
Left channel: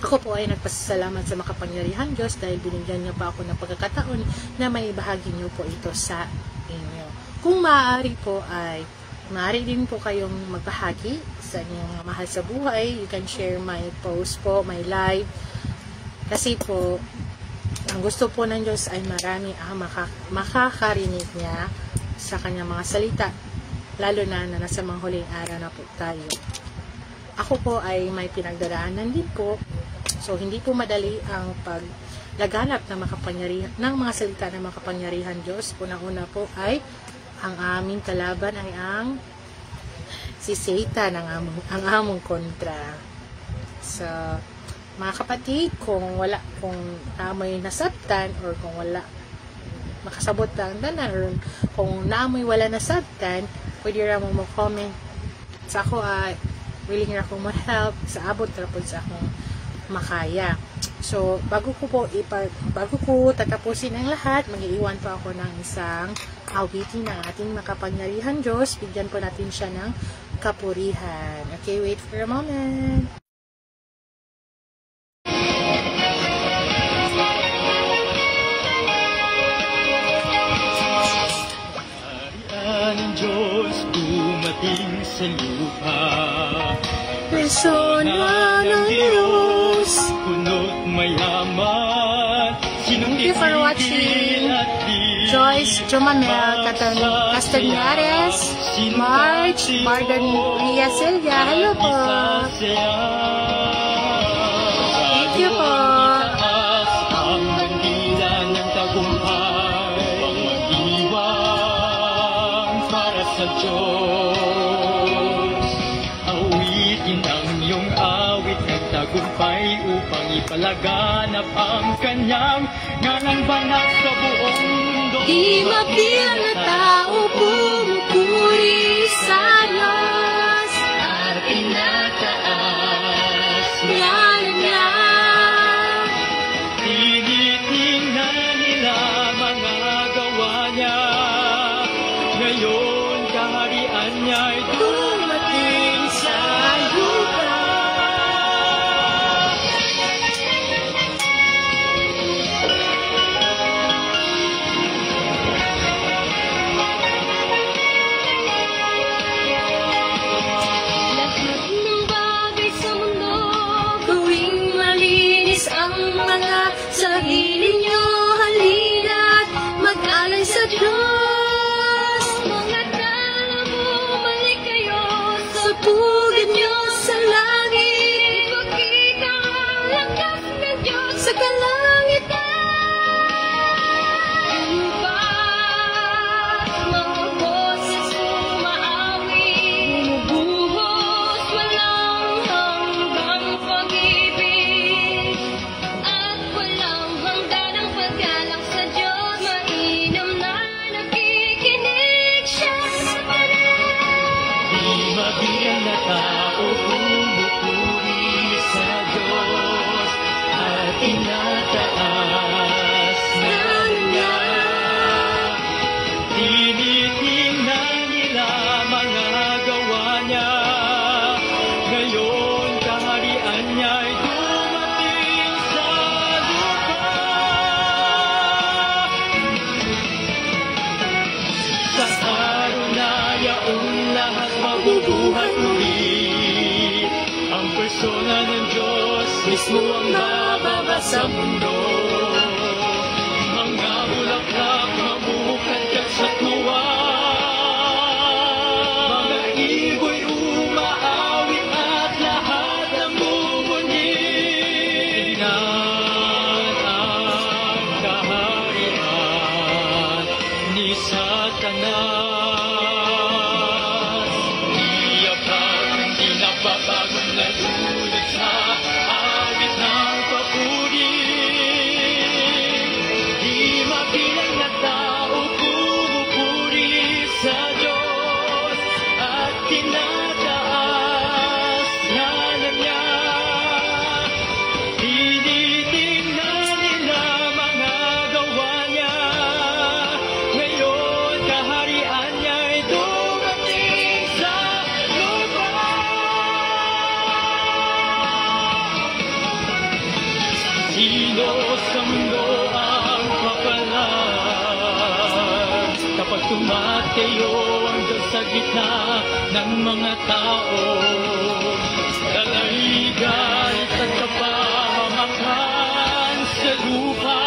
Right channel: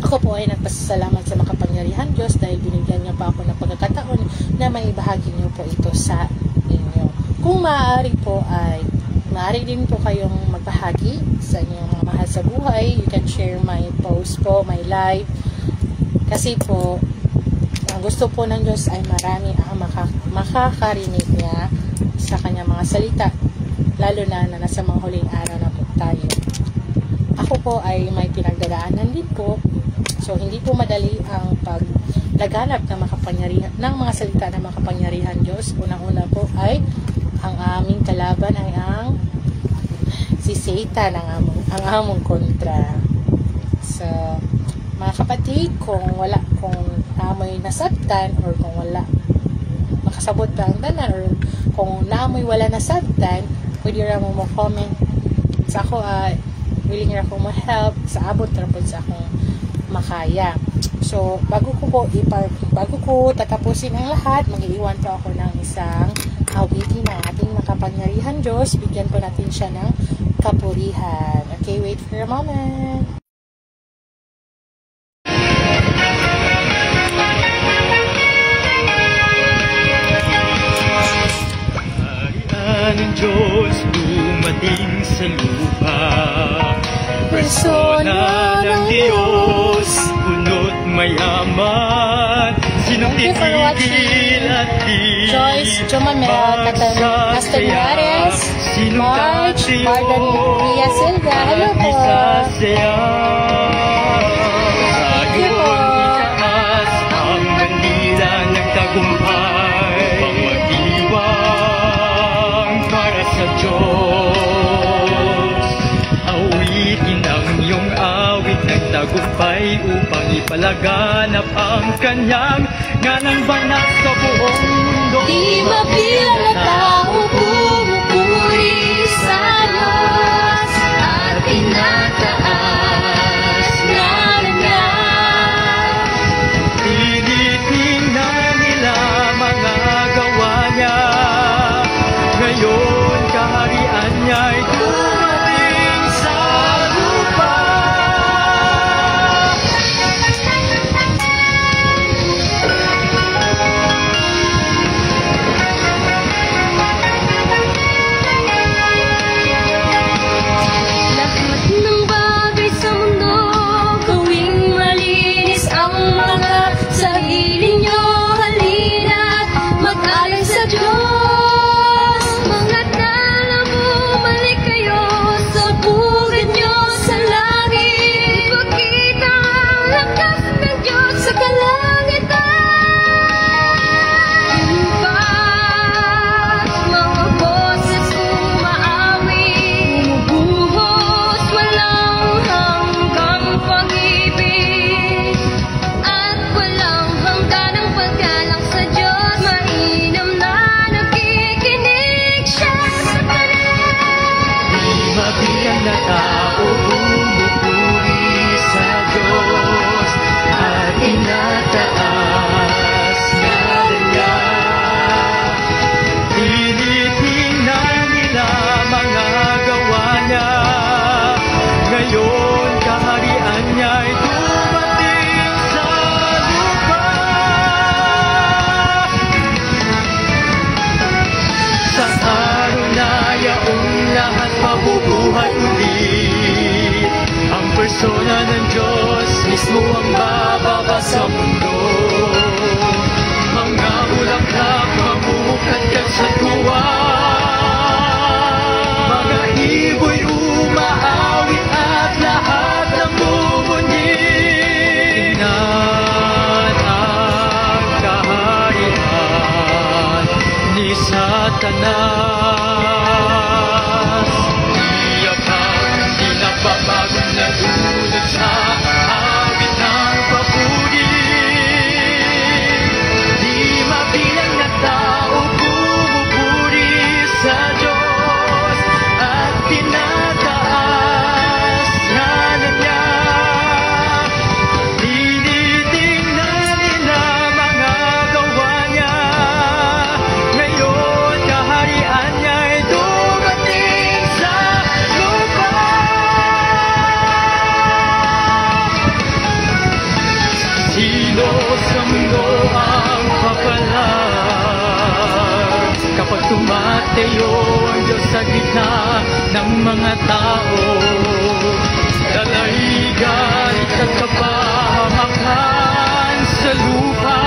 ako po ay nagpasalamat sa makapangyarihan Diyos dahil binigyan niyo pa ako ng pagkakataon na may bahagi niyo po ito sa inyo. Kung maaari po ay maaari din po kayong magbahagi sa inyong mga mahal sa buhay. You can share my post po, my live. Kasi po, ang gusto po ng Diyos ay marami ang makakarinig niya sa kanyang mga salita. Lalo na nasa mga huling araw na po tayo. Ako po ay may pinagdaraanan din po. So, hindi po madali ang paglaganap ng mga salita ng makapangyarihan Diyos. Unang-una po ay ang aming kalaban ay ang si Satan, ang among kontra. So, mga kapatid, kung naamoy nasabtan or kung wala makasabot ang tanan or kung naamoy wala nasabtan, pwede ra mo comment sa ako willing ra ko mo help sa abot ra pud sa akong makaya. So, bago ko tatapusin ang lahat, mag-iiwan pa ako ng isang awitin na ating makapangyarihan Diyos. Bigyan po natin siya ng kapurihan. Okay, wait for a moment. Ng Diyos dumating sa lupa. Persona ng Diyos, punot mayaman. Thank you for watching. Joyce, Jomamel, Castañares, March, Mardan Ria Silva. Hello po. Thank you po. Ang bandila ng tagumpay, madiwang para sa Diyos. Awitin ang iyong awit ng tagumpay upang ipalaganap ang kanyang nganang banat sa buong mundo. Di mabilang na tao pumupuri sa Diyos at tinataas ngalan niya. Pilitin na nila mga gawa niya. Ngayon kaharian niya'y dumating sa lupa. mabilang na tao bumupuri sa Diyos at tinataas na niya. Tinitingnan nila mga gawa niya. Ngayon kaharian niya'y dumating sa lupa. Sa araw na yaong lahat mabubuhay muli. Ang persona ng Diyos mismo ang bababa sa mundo. Mga bulaklak mamumukadkad sa tuwa. Mga ibo'y umaawit at lahat ng bubunyi. Tingnan ang kaharian ni Satanas. Iyapang pinapabagong na dulot sa awit ng papuri. Di mabilang na tao bumupuri sa Diyos at tinataas na niya. Tinitingnan nila mga gawa niya. Ngayon kaharian niya'y dumating sa lupa. Silos ang mundo ang papalas kapag tumateo ang Diyos sa gitna ng mga tao. Dalaigan sa kapahamakan sa lupa.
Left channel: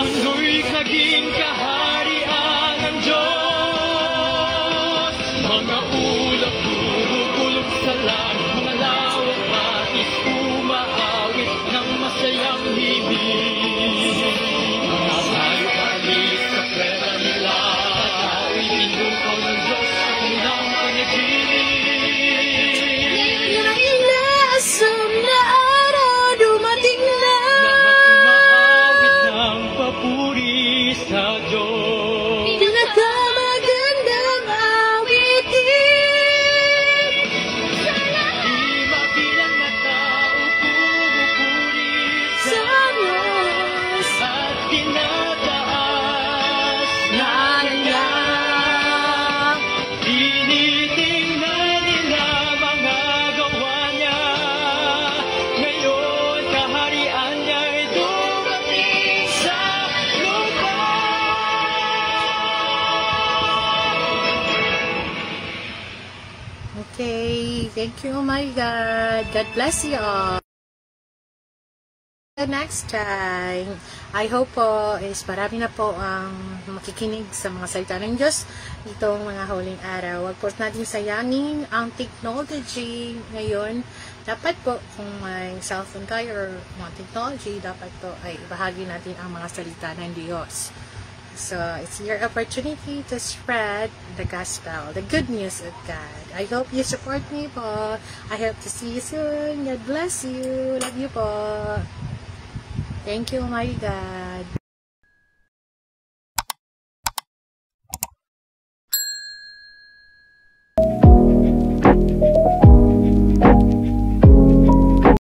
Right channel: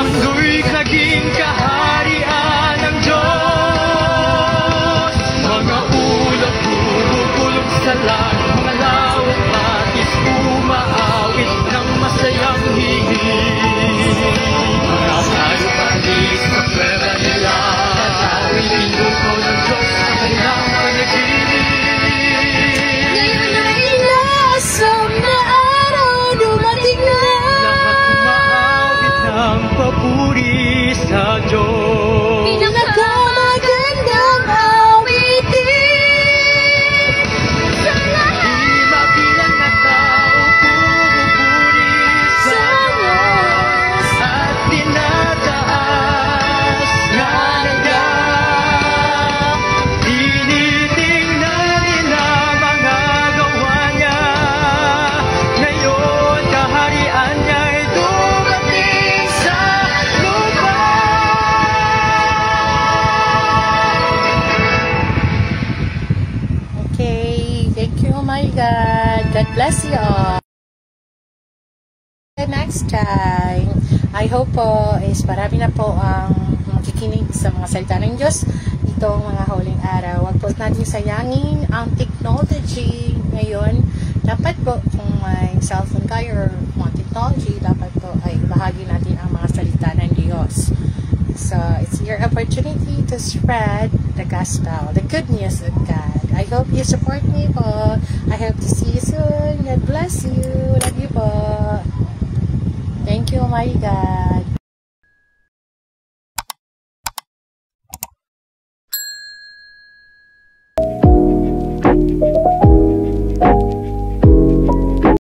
Mundo'y naging kaharian ng Diyos. Mga ulap bubulog sa langit, mga lawak bakit umaawit ng masayang hihig. Mga tayo-palis na pera nila, tao'y pinuto ng Diyos sa kanilang panaginip. Inaasam na araw dumating na. Lahat umaawit ng papuri sa Diyos. Pinakamagandang awitin. Di mabilang na tao bumupuri sa Diyos at tinataas na niya. Tinitingnan nila mga gawa niya. Ngayon kaharian niya'y dumating sa lupa. Okay, thank you, my God. God bless you all. Next time, I hope po is marami na po ang makikinig sa mga salita ng Diyos itong mga huling araw. Huwag po natin sayangin ang technology ngayon. Dapat po kung may cellphone kayo or mga technology, dapat po ay ibahagi natin ang mga salita ng Diyos. So, it's your opportunity to spread the gospel, the good news of God. I hope you support me po. I hope to see you soon. God bless you. Love you po. Thank you, my God.